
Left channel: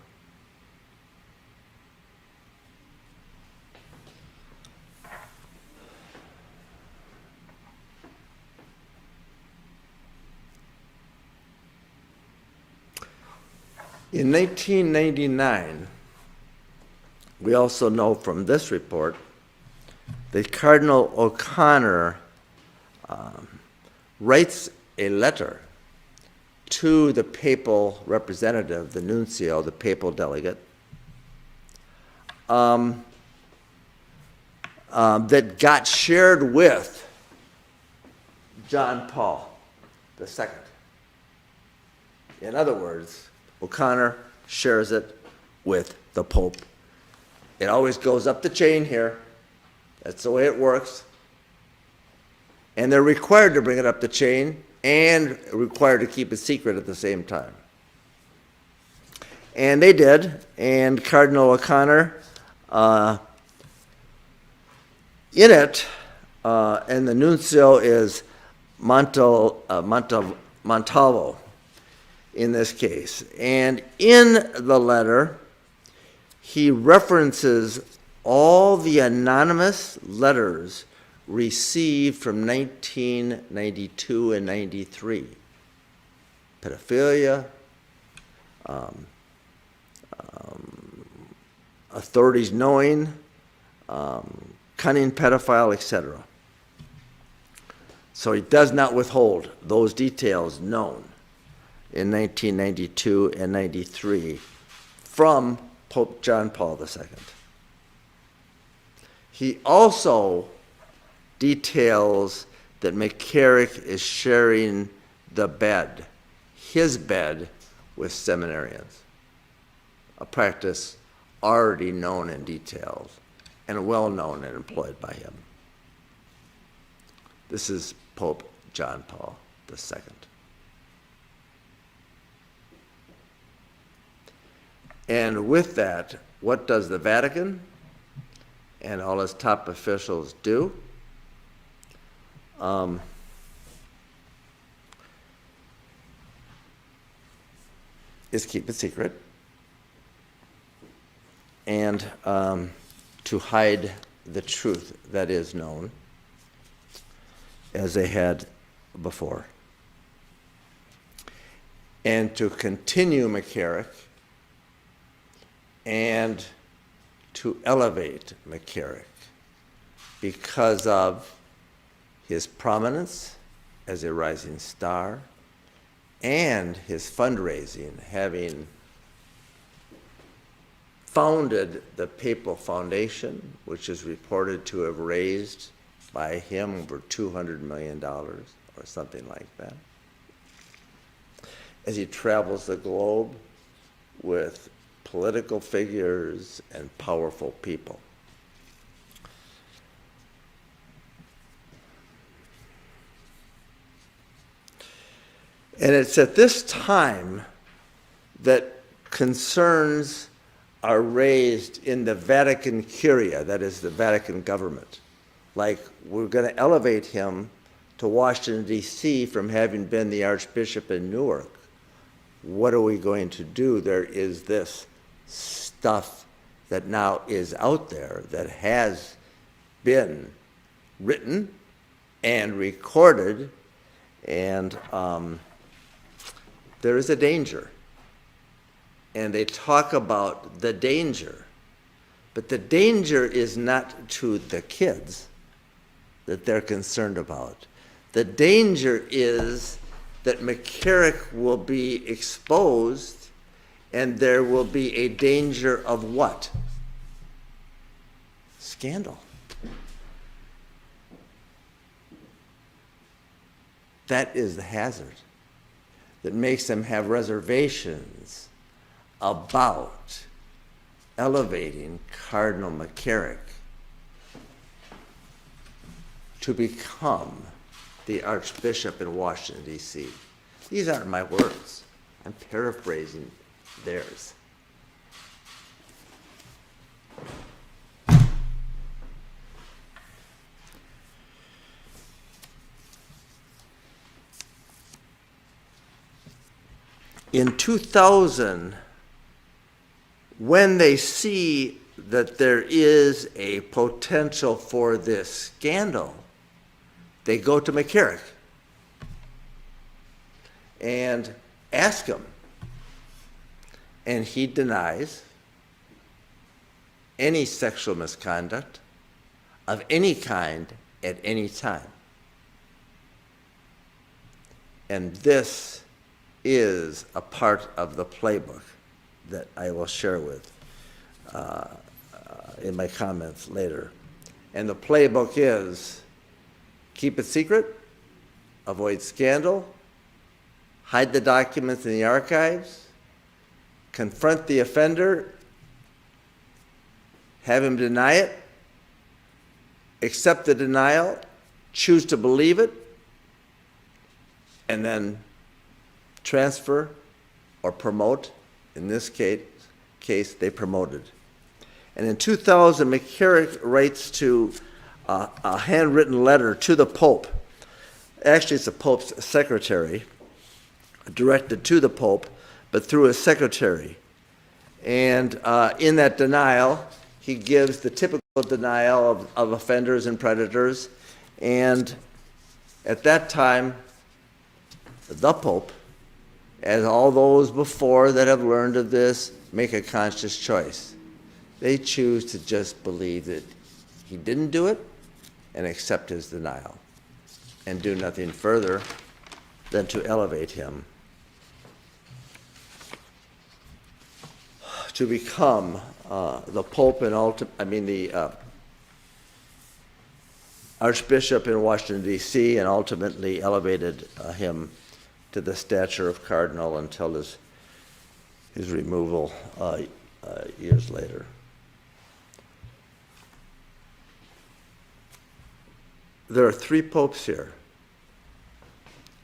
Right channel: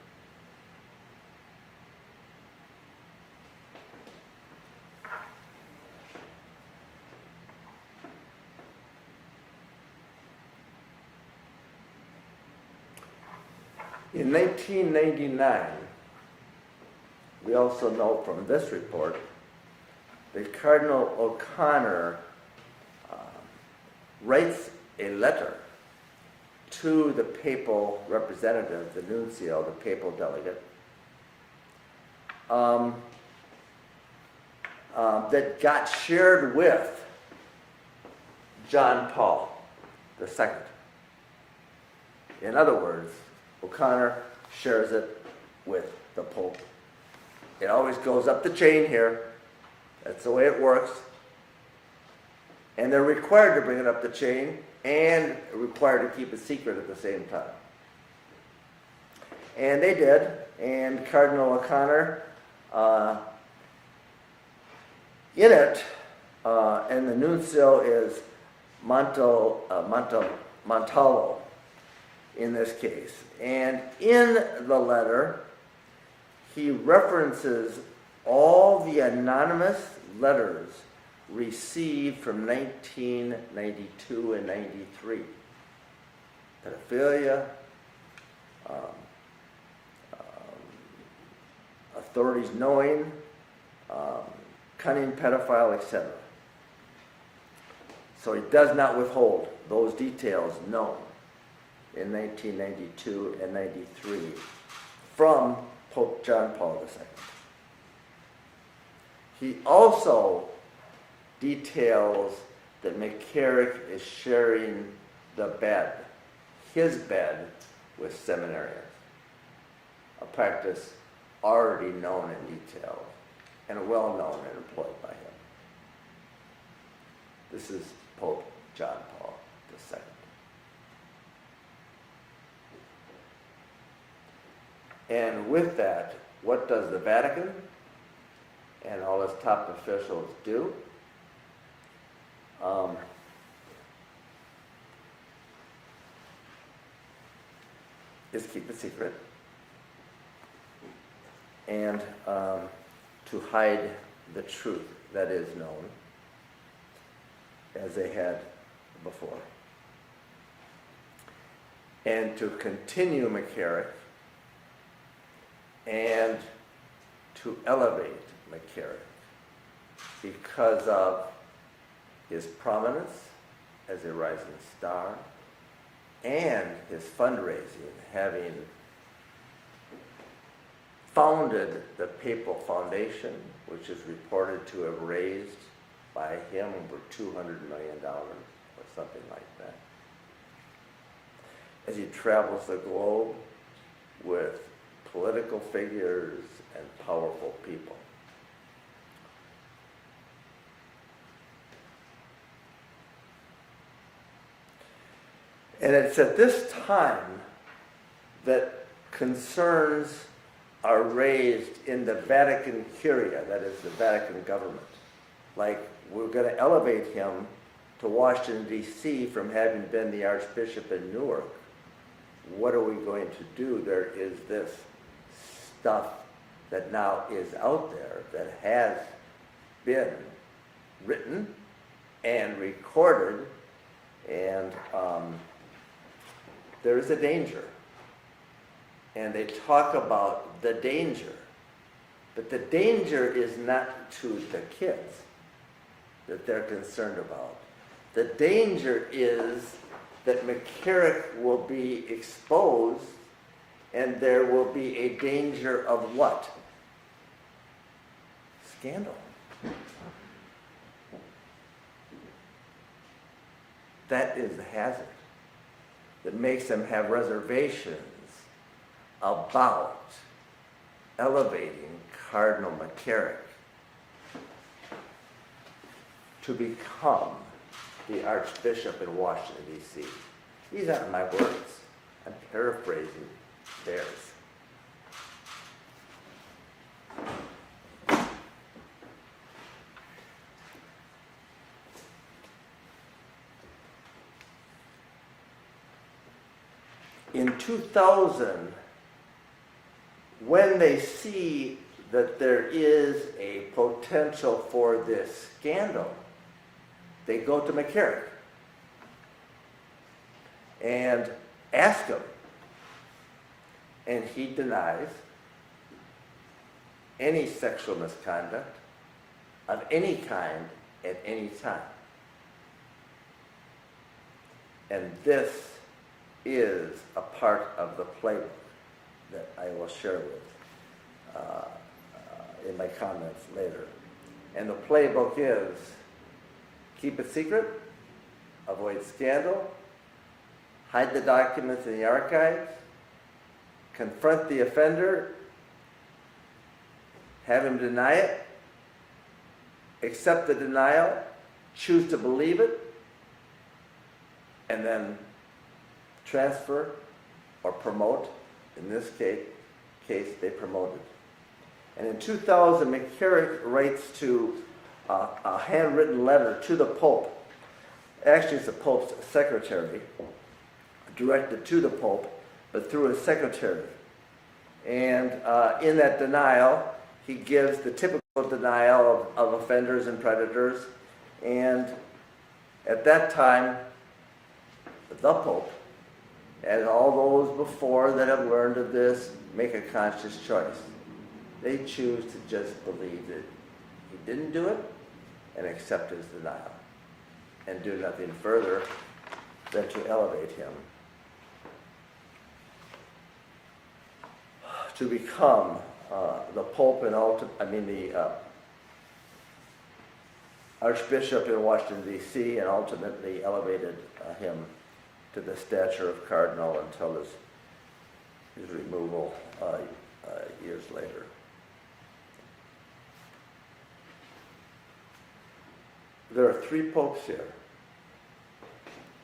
In 1999, we also know from this report that Cardinal O'Connor writes a letter to the papal representative, the nuncio, the papal delegate, that got shared with John Paul II. In other words, O'Connor shares it with the Pope. It always goes up the chain here. That's the way it works. And they're required to bring it up the chain and required to keep it secret at the same time. And they did, and Cardinal O'Connor, in it, and the nuncio is Montalvo. in this case. And in the letter, he references all the anonymous letters received from 1992 and 93. Pedophilia, authorities knowing, cunning, pedophile, etc. So he does not withhold those details known in 1992 and 93 from Pope John Paul II. He also details that McCarrick is sharing the bed, his bed, with seminarians, a practice already known in detail and well known and employed by him. This is Pope John Paul II. And with that, what does the Vatican and all its top officials do? Is keep it secret and to hide the truth that is known, as they had before, and to continue McCarrick and to elevate McCarrick because of his prominence as a rising star and his fundraising, having founded the Papal Foundation, which is reported to have raised by him over $200 million or something like that, as he travels the globe with political figures and powerful people. And it's at this time that concerns are raised in the Vatican Curia, that is the Vatican government. Like, we're going to elevate him to Washington, D.C. from having been the Archbishop in Newark. What are we going to do? There is this stuff that now is out there that has been written and recorded, and there is a danger. And they talk about the danger, but the danger is not to the kids that they're concerned about. The danger is that McCarrick will be exposed, and there will be a danger of what? Scandal. That is the hazard that makes them have reservations about elevating Cardinal McCarrick to become the Archbishop in Washington, D.C. These aren't my words. I'm paraphrasing theirs. In 2000, when they see that there is a potential for this scandal, they go to McCarrick and ask him. And he denies any sexual misconduct of any kind at any time. And this is a part of the playbook that I will share with in my comments later. And the playbook is: keep it secret, avoid scandal, hide the documents in the archives, confront the offender, have him deny it, accept the denial, choose to believe it, and then transfer or promote. In this case, they promoted. And in 2000, McCarrick writes to a handwritten letter to the Pope. Actually, it's the Pope's secretary, directed to the Pope, but through his secretary. And in that denial, he gives the typical denial of offenders and predators. And at that time, the Pope, as all those before that have learned of this, make a conscious choice. They choose to just believe that he didn't do it and accept his denial and do nothing further than to elevate him to become the Pope and the Archbishop in Washington, D.C., and ultimately elevated him to the stature of cardinal until his removal years later. There are 3 popes here,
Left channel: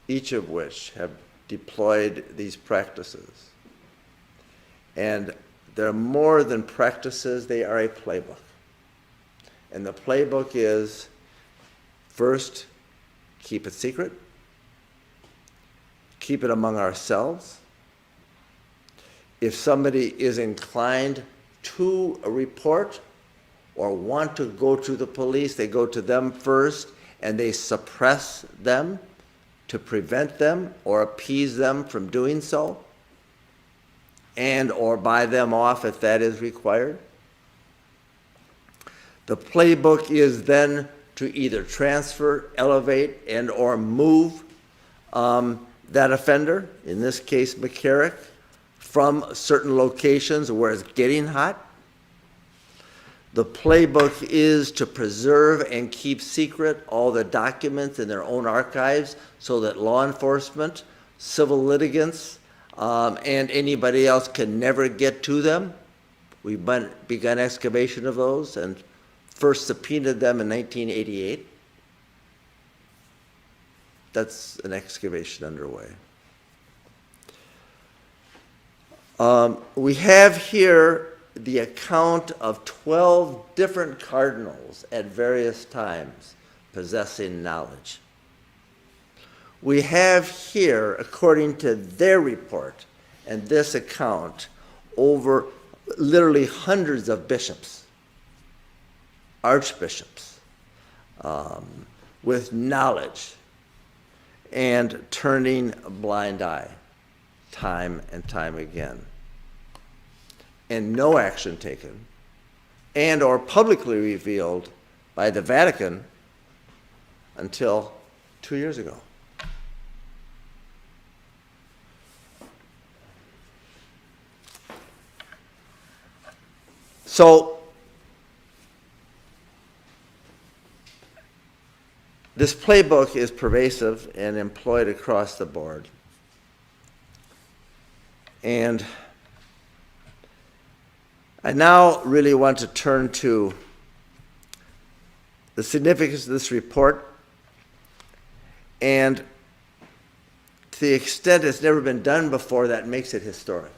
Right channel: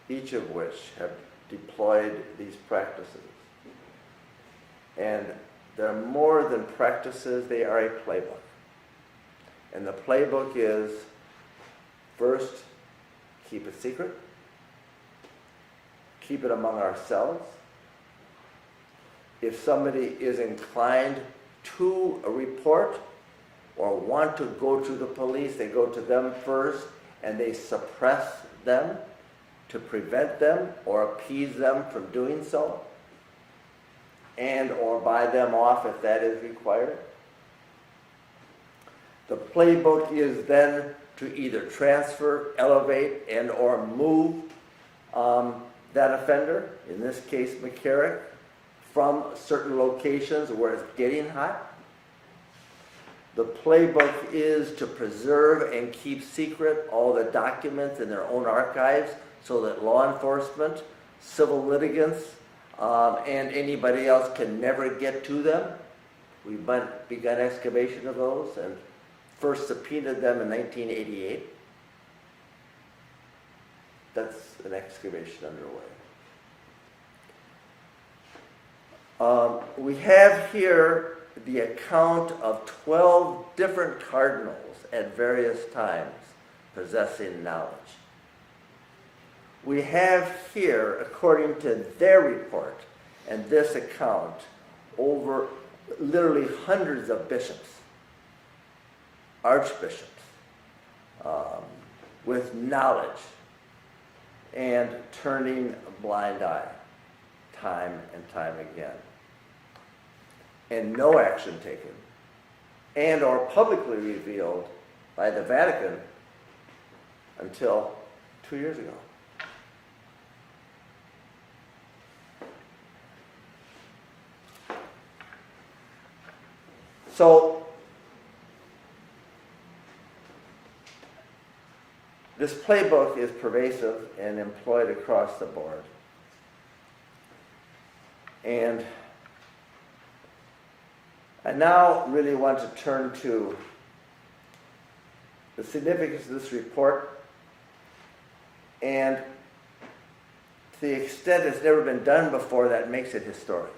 each of which have deployed these practices. And they're more than practices, they are a playbook. And the playbook is, first, keep it secret, keep it among ourselves. If somebody is inclined to report or want to go to the police, they go to them first and they suppress them to prevent them or appease them from doing so, and or buy them off if that is required. The playbook is then to either transfer, elevate, and or move that offender, in this case McCarrick, from certain locations where it's getting hot. The playbook is to preserve and keep secret all the documents in their own archives so that law enforcement, civil litigants, and anybody else can never get to them. We've begun excavation of those and first subpoenaed them in 1988. That's an excavation underway. We have here the account of 12 different cardinals at various times possessing knowledge. We have here, according to their report and this account, over literally hundreds of bishops, archbishops, with knowledge and turning a blind eye time and time again, and no action taken, and or publicly revealed by the Vatican until 2 years ago. So this playbook is pervasive and employed across the board. And I now really want to turn to the significance of this report, and to the extent it's never been done before, that makes it historic.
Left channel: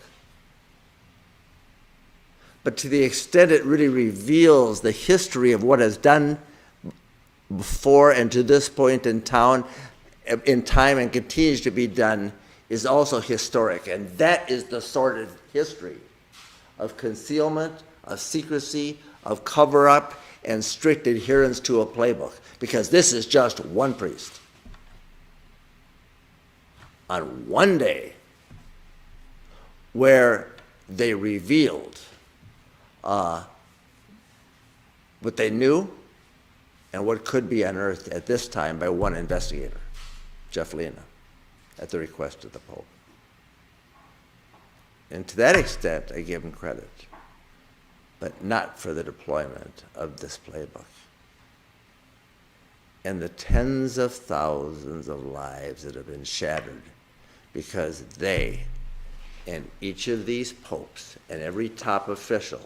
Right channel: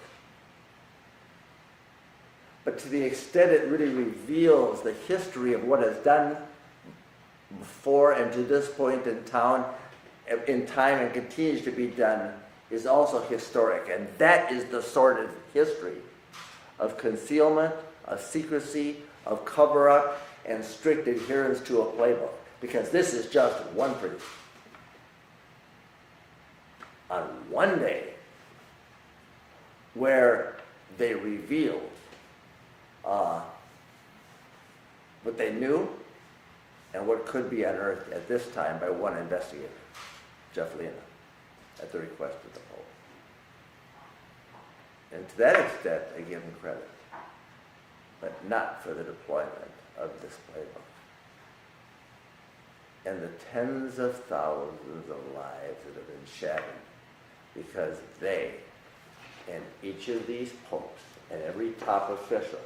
But to the extent it really reveals the history of what has done before and to this point in time and continues to be done, is also historic. And that is the sordid history of concealment, of secrecy, of cover-up, and strict adherence to a playbook. Because this is just one priest. On one day, where they revealed what they knew and what could be unearthed at this time by one investigator, Jeff Lena, at the request of the Pope. And to that extent, I give him credit, but not for the deployment of this playbook. And the tens of thousands of lives that have been shattered because they, and each of these popes and every top official,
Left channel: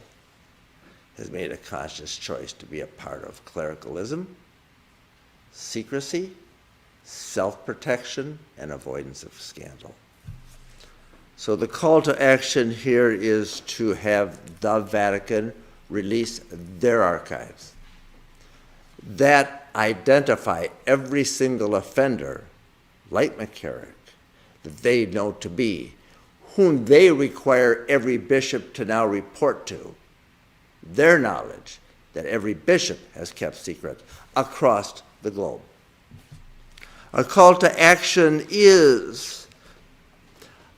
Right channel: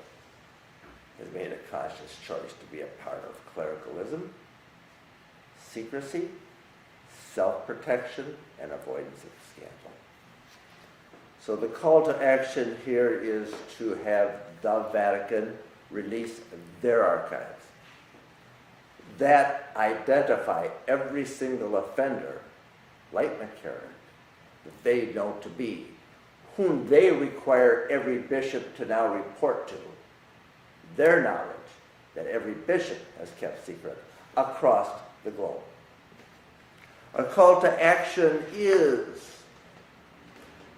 has made a conscious choice to be a part of clericalism, secrecy, self-protection, and avoidance of scandal. So the call to action here is to have the Vatican release their archives that identify every single offender, like McCarrick, that they know to be, whom they require every bishop to now report to, their knowledge that every bishop has kept secret across the globe. Our call to action is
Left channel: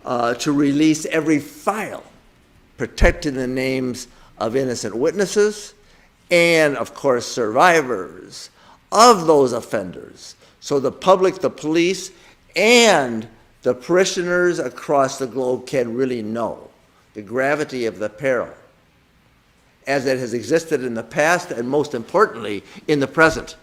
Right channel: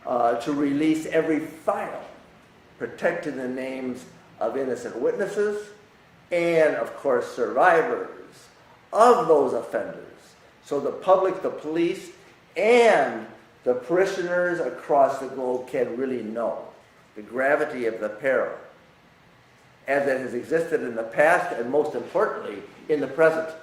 to release every file protecting the names of innocent witnesses and, of course, survivors of those offenders, so the public, the police, and the parishioners across the globe can really know the gravity of the peril as it has existed in the past and, most importantly, in the present.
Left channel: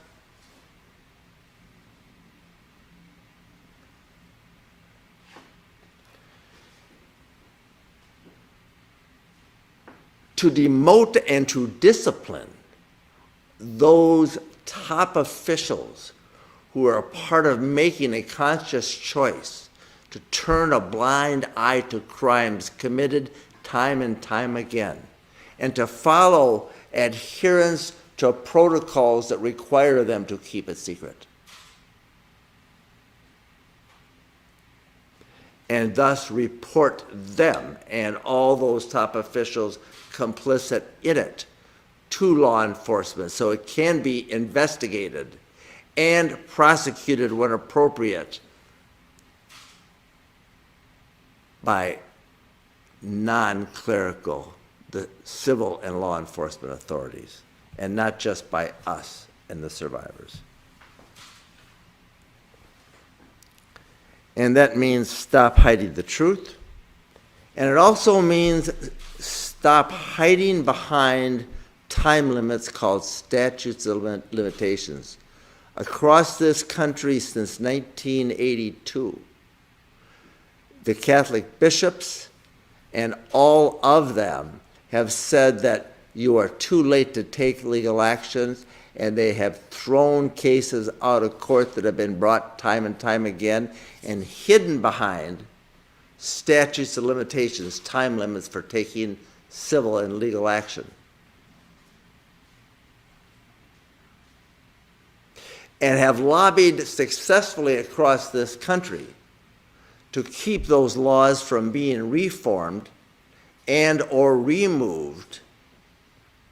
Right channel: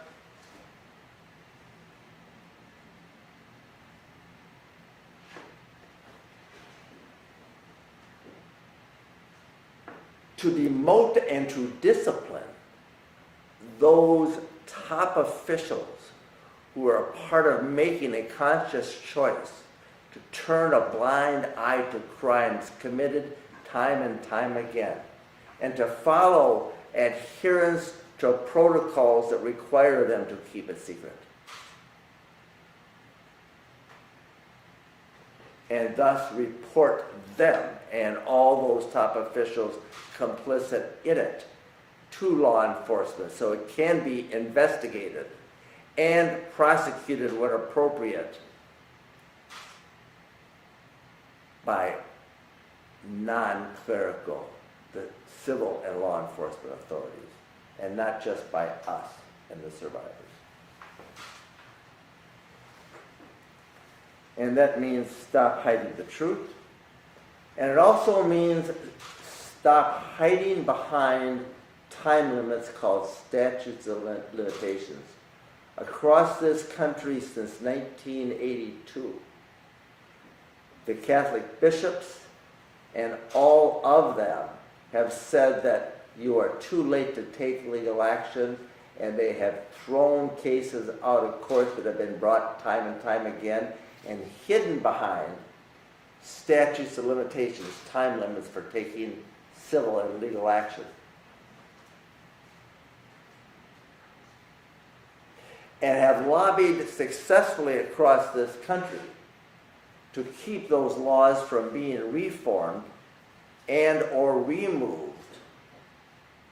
To demote and to discipline those top officials who are a part of making a conscious choice to turn a blind eye to crimes committed time and time again, and to follow adherence to protocols that require them to keep it secret. And thus report them and all those top officials complicit in it to law enforcement so it can be investigated and prosecuted when appropriate by non-clerical, the civil and law enforcement authorities, and not just by us and the survivors. And that means stop hiding the truth. And it also means stop hiding behind time limits called statutes of limitations. Across this country since 1982, the Catholic bishops and all of them have said that you are too late to take legal actions, and they have thrown cases out of court that have been brought time and time again and hidden behind statutes of limitations, time limits for taking civil and legal action. And have lobbied successfully across this country to keep those laws from being reformed and or removed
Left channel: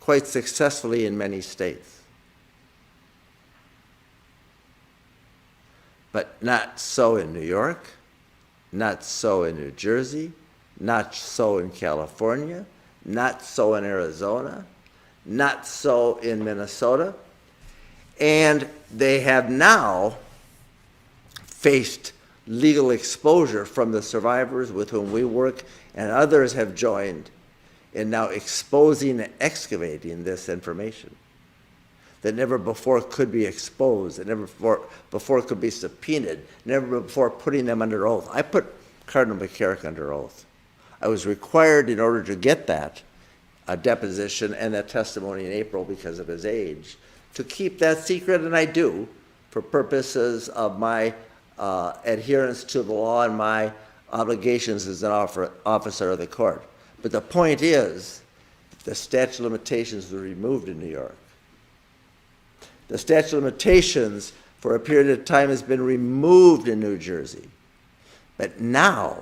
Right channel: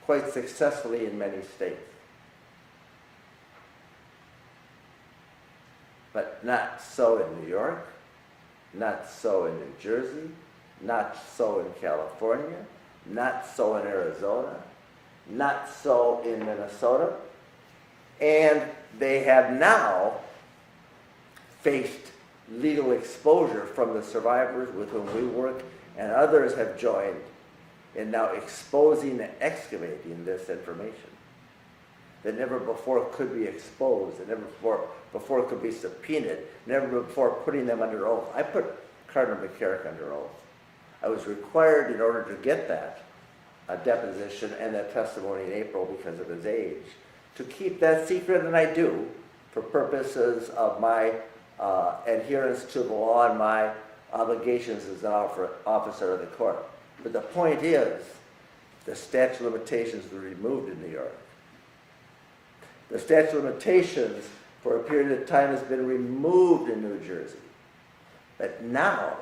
quite successfully in many states. But not so in New York, not so in New Jersey, not so in California, not so in Arizona, not so in Minnesota. And they have now faced legal exposure from the survivors with whom we work, and others have joined in now exposing and excavating this information that never before could be exposed, that never before could be subpoenaed, never before putting them under oath. I put Cardinal McCarrick under oath. I was required, in order to get that, a deposition and that testimony in April because of his age, to keep that secret, and I do, for purposes of my adherence to the law and my obligations as an officer of the court. But the point is, the statute of limitations was removed in New York. The statute of limitations for a period of time has been removed in New Jersey. But now,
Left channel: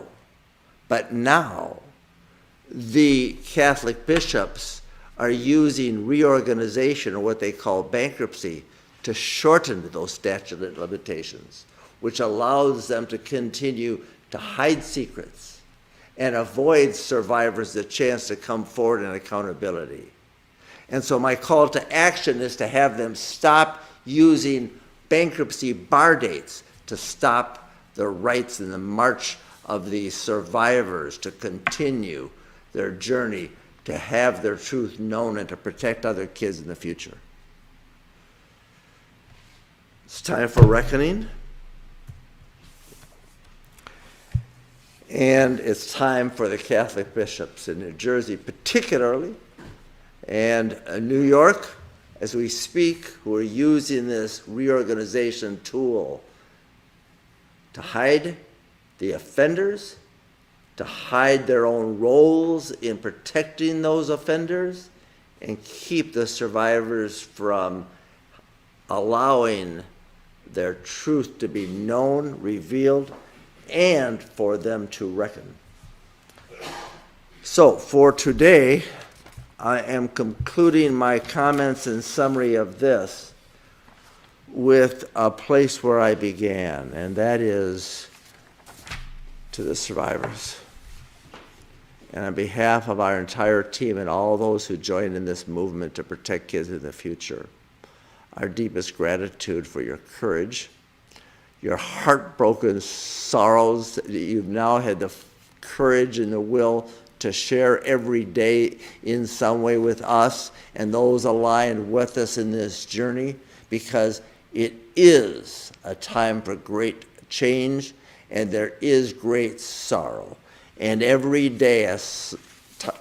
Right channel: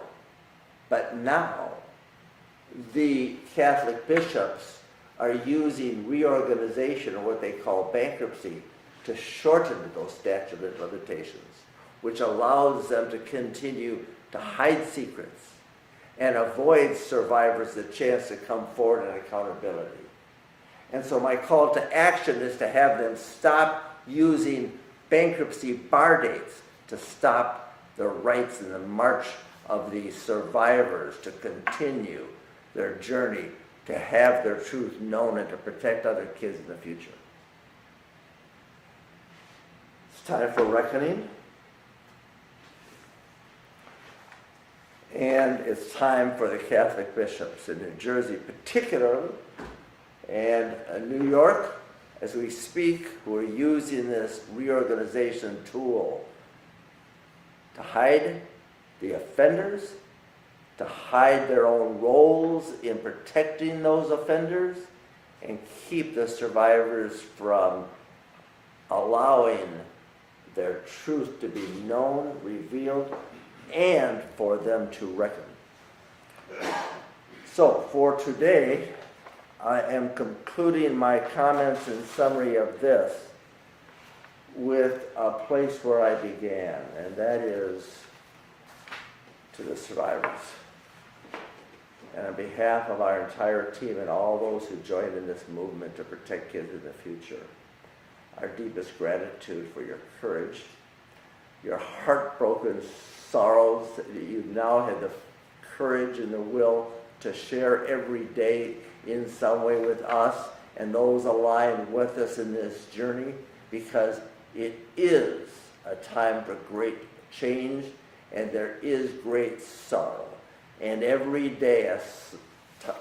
the Catholic bishops are using reorganization, or what they call bankruptcy, to shorten those statute of limitations, which allows them to continue to hide secrets and avoid survivors the chance to come forward in accountability. And so my call to action is to have them stop using bankruptcy bar dates to stop the rights and the march of the survivors to continue their journey to have their truth known and to protect other kids in the future. It's time for reckoning. And it's time for the Catholic bishops in New Jersey particularly, and New York, as we speak, who are using this reorganization tool to hide the offenders, to hide their own roles in protecting those offenders, and keep the survivors from allowing their truth to be known, revealed, and for them to reckon. So for today, I am concluding my comments and summary of this with a place where I began, and that is to the survivors. And on behalf of our entire team and all those who join in this movement to protect kids in the future, our deepest gratitude for your courage, your heartbroken sorrows that you've now had the courage and the will to share every day in some way with us and those aligned with us in this journey, because it is a time for great change and there is great sorrow. And every day,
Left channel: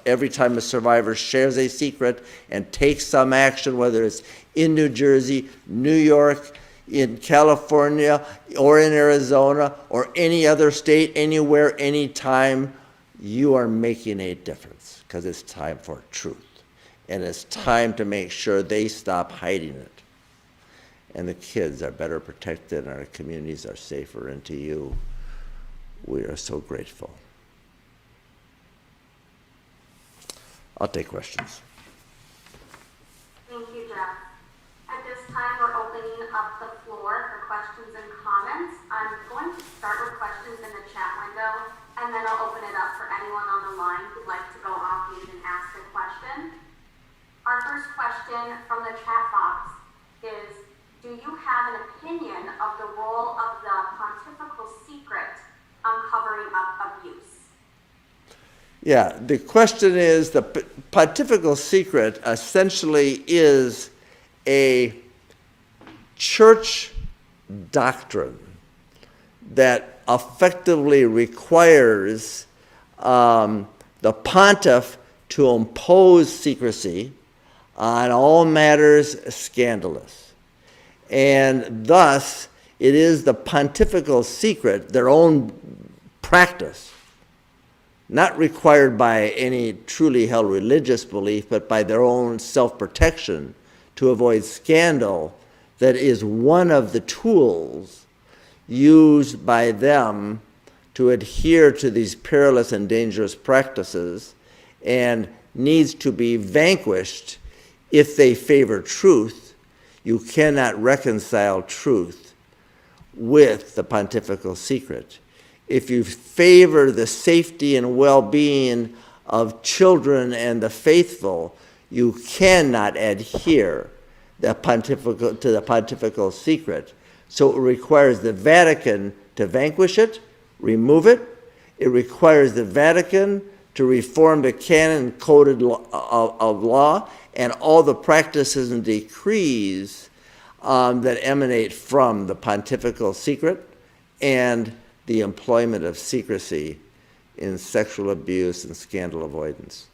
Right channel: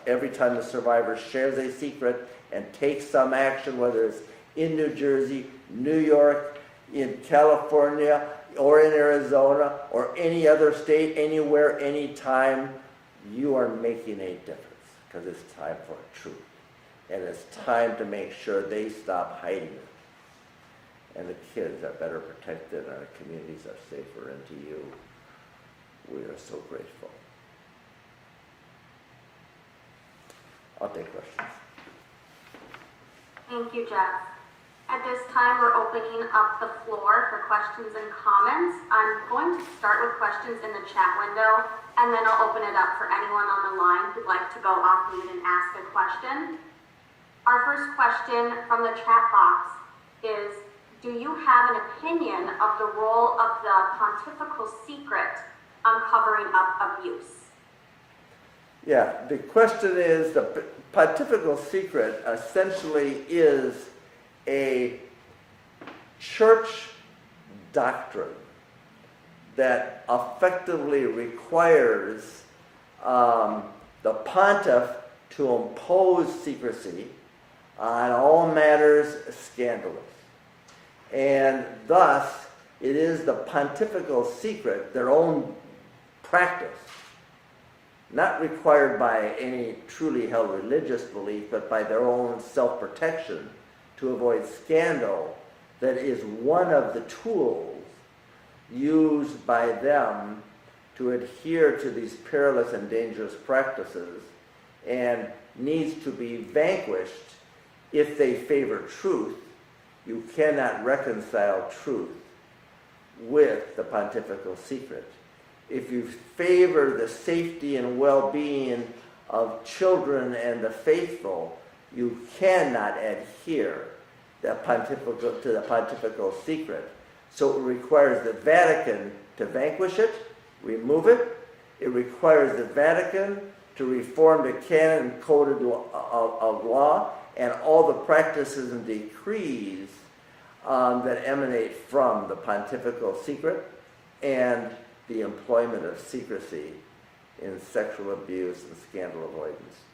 every time a survivor shares a secret and takes some action, whether it's in New Jersey, New York, in California, or in Arizona, or any other state, anywhere, anytime, you are making a difference, because it's time for truth. And it's time to make sure they stop hiding it. And the kids are better protected, and our communities are safer. And to you, we are so grateful. I'll take questions. Thank you, Jeff. At this time, we're opening up the floor for questions and comments. I'm going to start with questions in the chat window, and then I'll open it up for anyone on the line who'd like to go off mute and ask a question. Our first question from the chat box is, do you have an opinion of the role of the pontifical secret on covering up abuse? Yeah, the question is, the pontifical secret essentially is a church doctrine that effectively requires the pontiff to impose secrecy on all matters scandalous. And thus, it is the pontifical secret, their own practice, not required by any truly held religious belief, but by their own self-protection to avoid scandal, that is one of the tools used by them to adhere to these perilous and dangerous practices, and needs to be vanquished if they favor truth. You cannot reconcile truth with the pontifical secret. If you favor the safety and well-being of children and the faithful, you cannot adhere to the pontifical secret. So it requires the Vatican to vanquish it, remove it. It requires the Vatican to reform the canon coded of law and all the practices and decrees that emanate from the pontifical secret, and the employment of secrecy in sexual abuse and scandal avoidance.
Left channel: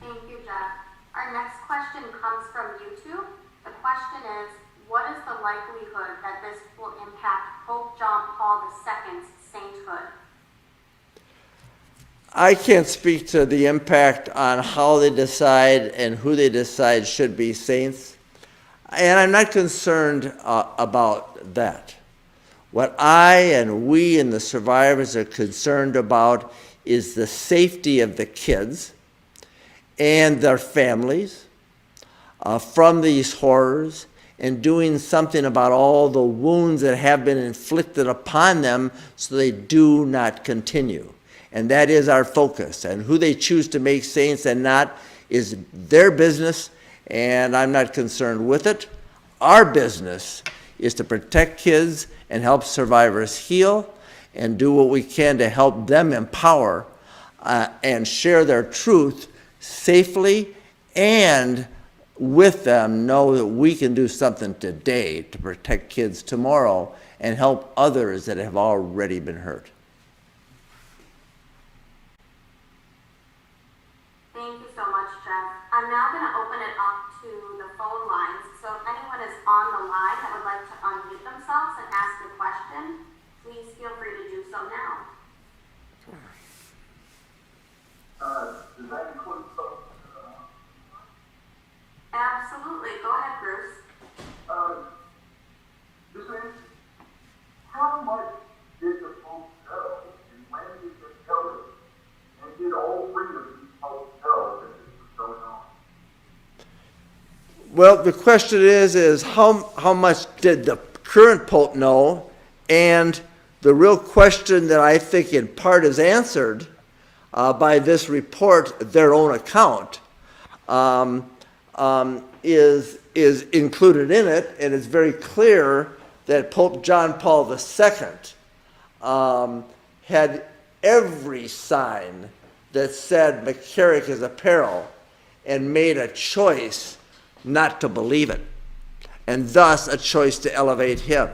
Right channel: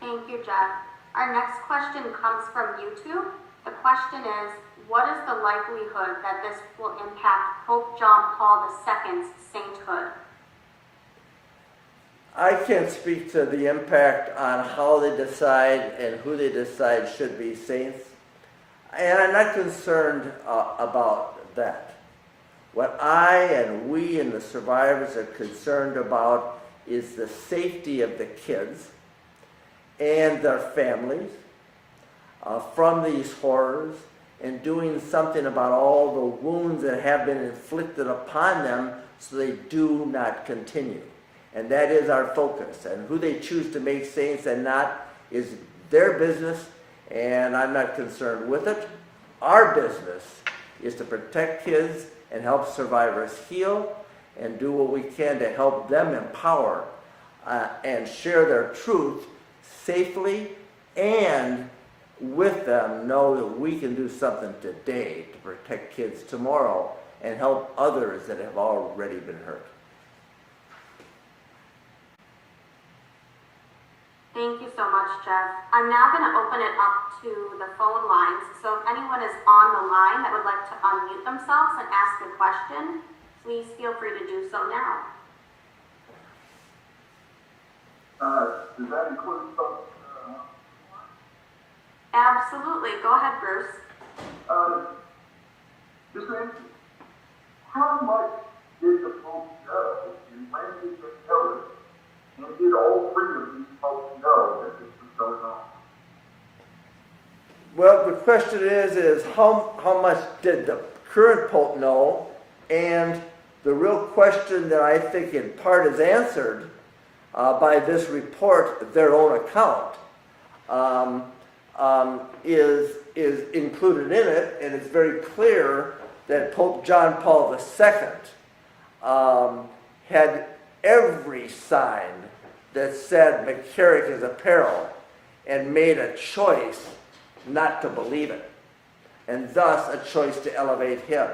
Thank you, Jeff. Our next question comes from YouTube. The question is, what is the likelihood that this will impact Pope John Paul II's sainthood? I can't speak to the impact on how they decide and who they decide should be saints, and I'm not concerned about that. What I and we and the survivors are concerned about is the safety of the kids and their families from these horrors, and doing something about all the wounds that have been inflicted upon them so they do not continue. And that is our focus. And who they choose to make saints and not is their business, and I'm not concerned with it. Our business is to protect kids and help survivors heal, and do what we can to help them empower and share their truth safely, and with them know that we can do something today to protect kids tomorrow and help others that have already been hurt. Thank you so much, Jeff. I'm now going to open it up to the phone lines. So if anyone is on the line that would like to unmute themselves and ask a question, please feel free to do so now. Does that include Absolutely. Go ahead, Bruce. this is how much did the Pope know, and when did he know it? And did all three of these popes know that this was going on? Well, the question is how much did the current Pope know? And the real question that I think in part is answered by this report, their own account, is included in it, and it's very clear that Pope John Paul II had every sign that said McCarrick is a peril and made a choice not to believe it, and thus a choice to elevate him.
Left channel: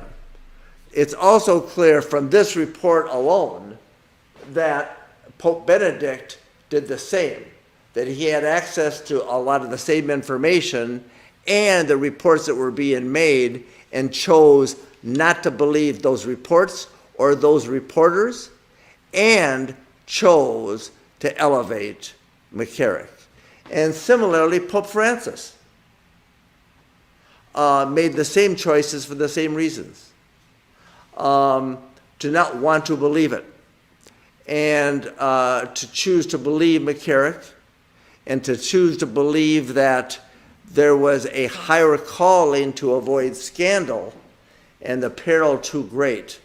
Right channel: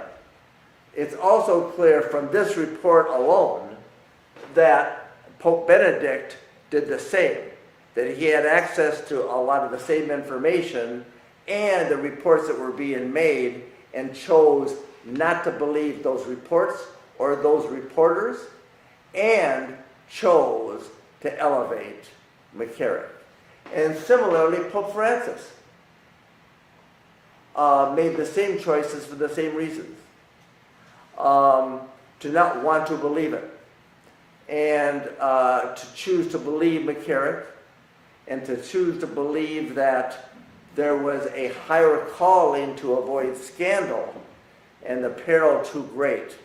It's also clear from this report alone that Pope Benedict did the same, that he had access to a lot of the same information and the reports that were being made and chose not to believe those reports or those reporters and chose to elevate McCarrick. And similarly, Pope Francis made the same choices for the same reasons. To not want to believe it, and to choose to believe McCarrick, and to choose to believe that there was a higher calling to avoid scandal and the peril too great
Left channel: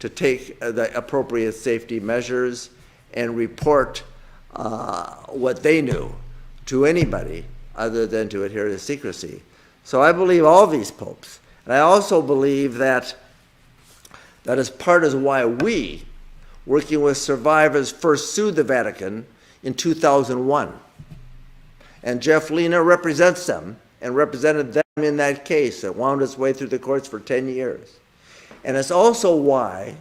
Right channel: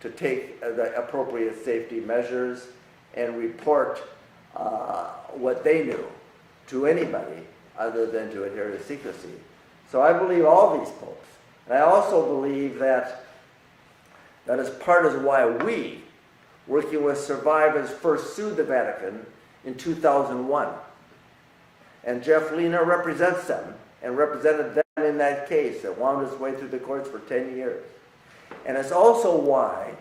to take the appropriate safety measures and report what they knew to anybody other than to adhere to secrecy. So I believe all these popes. And I also believe that is part of why we, working with survivors, first sued the Vatican in 2001. And Jeff Lena represents them and represented them in that case that wound its way through the courts for 10 years. And it's also why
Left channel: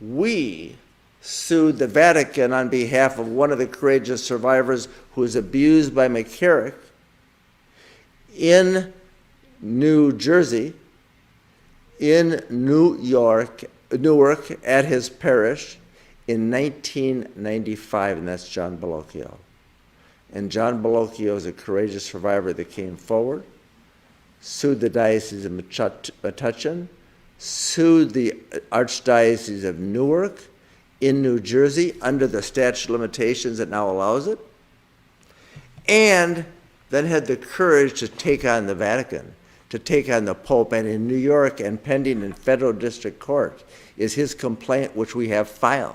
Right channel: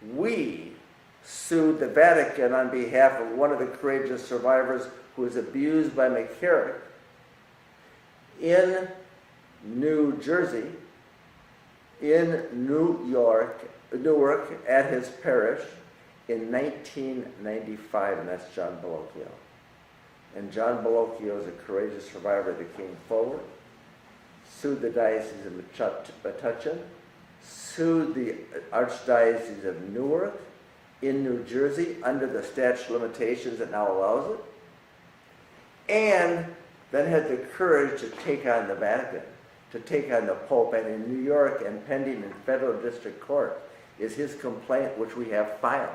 we sued the Vatican on behalf of one of the courageous survivors who was abused by McCarrick in New Jersey, in Newark at his parish in 1995, and that's John Bellocchio. And John Bellocchio is a courageous survivor that came forward, sued the Diocese of Metuchen, sued the Archdiocese of Newark in New Jersey under the statute of limitations that now allows it, and then had the courage to take on the Vatican, to take on the Pope. And in New York and pending in federal district court is his complaint, which we have filed,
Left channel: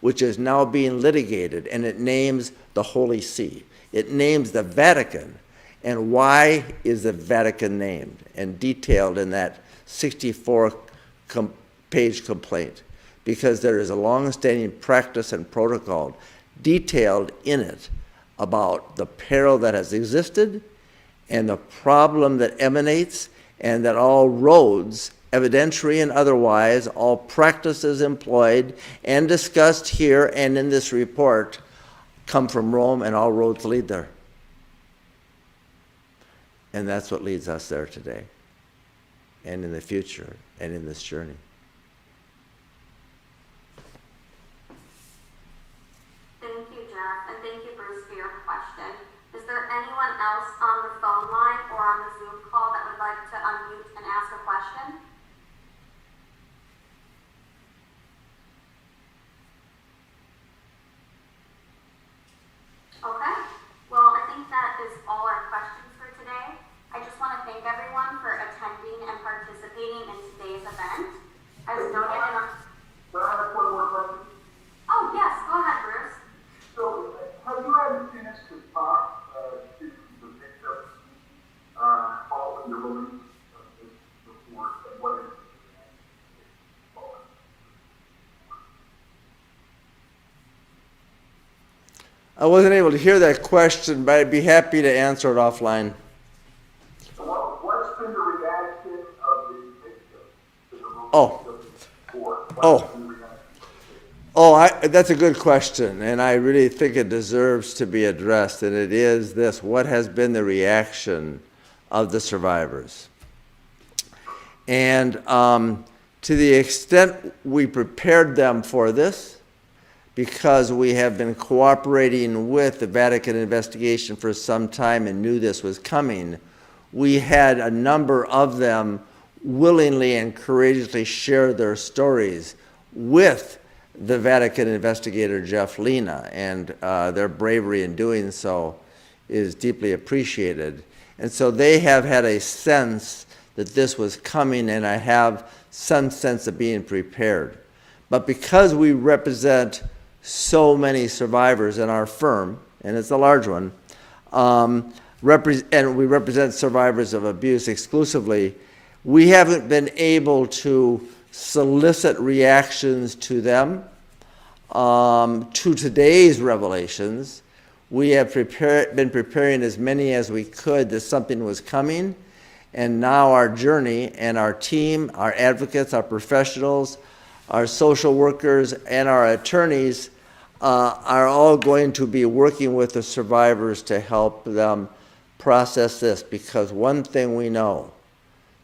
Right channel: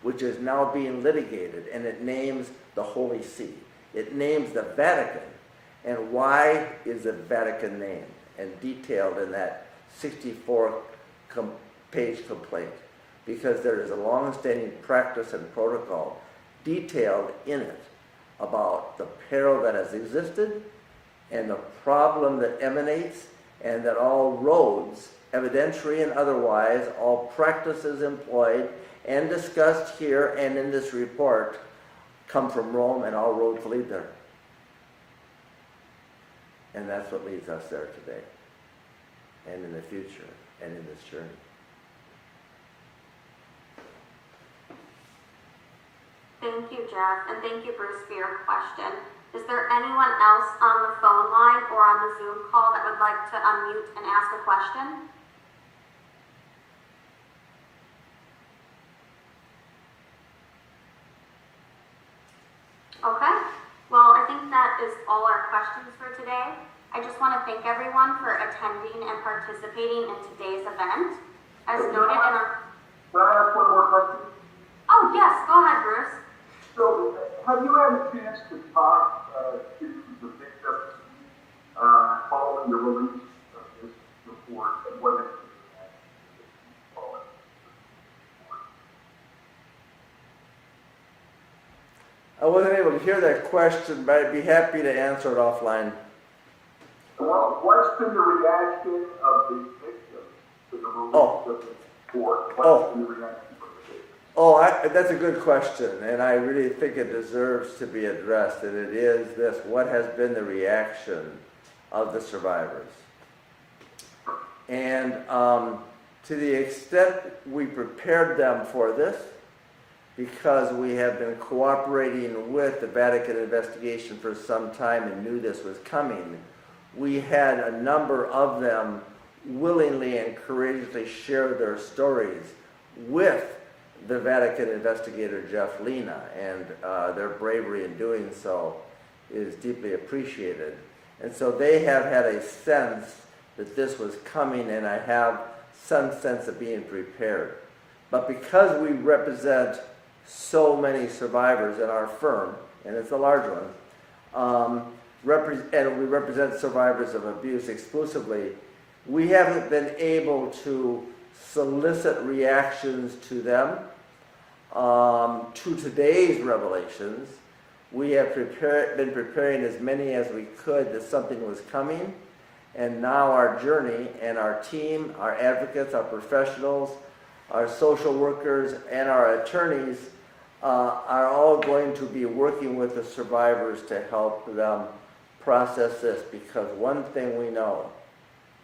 which is now being litigated, and it names the Holy See. It names the Vatican. And why is the Vatican named and detailed in that 64-page complaint? Because there is a long-standing practice and protocol detailed in it about the peril that has existed and the problem that emanates, and that all roads, evidentiary and otherwise, all practices employed and discussed here and in this report come from Rome, and all roads lead there. And that's what leads us there today, and in the future, and in this journey. Thank you, Jeff, and thank you, Bruce, for your question. Is there anyone else on the phone line or on the Zoom call that would like to unmute and ask a question? Okay, well, I think that is all our questions for today. I just want to thank everyone for attending and participating in today's event. As noted in our... Can I ask one more question? Oh, yes, go ahead, Bruce. So, have you had a chance to talk to the victims following the release of this report, and what it I wasn't able to hear that question, but I'd be happy to answer it offline. Well, what's been the reaction of the victims to the release Oh. of this report? Oh. What's been the reaction of the victims? That's a good question, and I really think it deserves to be addressed, and it is this: what has been the reaction of the survivors? And to the extent we prepared them for this, because we have been cooperating with the Vatican investigation for some time and knew this was coming, we had a number of them willingly and courageously share their stories with the Vatican investigator Jeff Lena, and their bravery in doing so is deeply appreciated. And so they have had a sense that this was coming, and I have some sense of being prepared. But because we represent so many survivors in our firm, and it's a large one, and we represent survivors of abuse exclusively, we haven't been able to solicit reactions to them, to today's revelations. We have been preparing as many as we could that something was coming, and now our journey and our team, our advocates, our professionals, our social workers, and our attorneys are all going to be working with the survivors to help them process this, because one thing we know,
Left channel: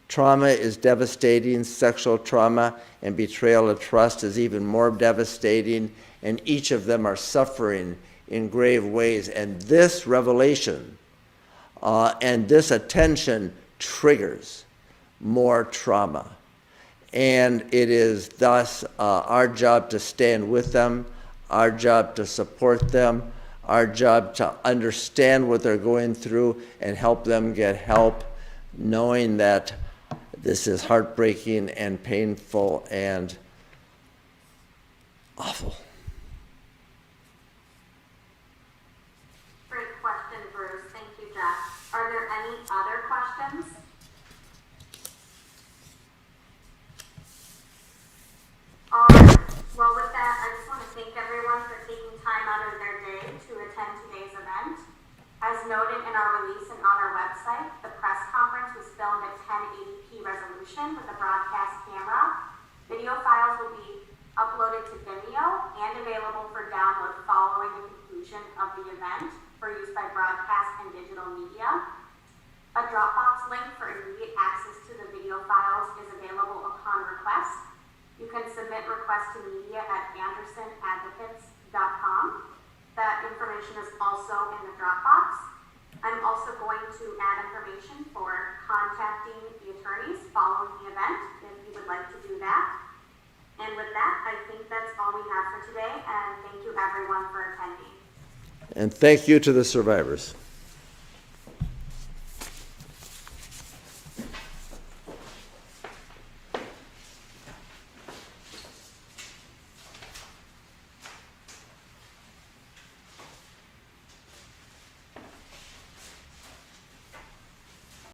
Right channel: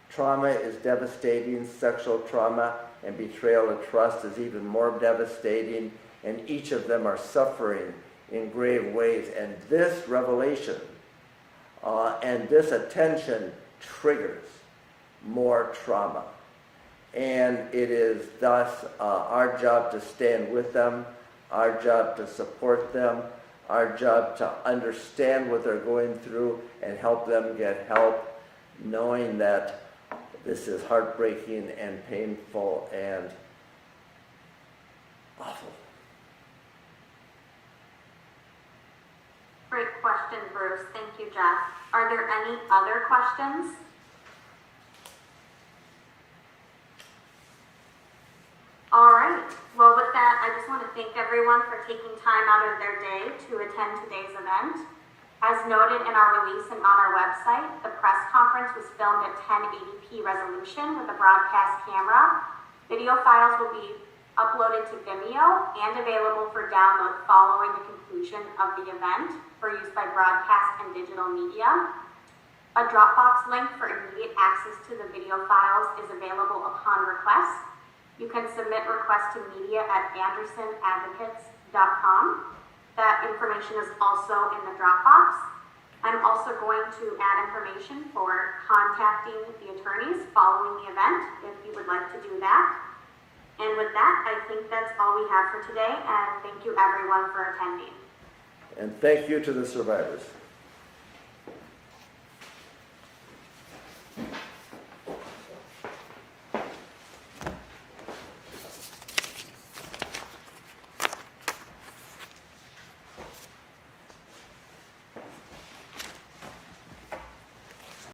trauma is devastating. Sexual trauma and betrayal of trust is even more devastating, and each of them are suffering in grave ways. And this revelation and this attention triggers more trauma. And it is thus our job to stand with them, our job to support them, our job to understand what they're going through and help them get help, knowing that this is heartbreaking and painful and awful. Great question, Bruce. Thank you, Jeff. Are there any other questions? All right. Well, with that, I just want to thank everyone for taking time out of their day to attend today's event. As noted in our release and on our website, the press conference was filmed at 1080p resolution with a broadcast camera. Video files will be uploaded to Vimeo and available for download following the conclusion of the event for use by broadcast and digital media. A Dropbox link for immediate access to the video files is available upon request. You can submit requests to media at andersonadvocates.com. That information is also in the Dropbox. I'm also going to add information for contacting the attorneys following the event if you would like to do that. And with that, I think that's all we have for today, and thank you everyone for attending. And thank you to the survivors.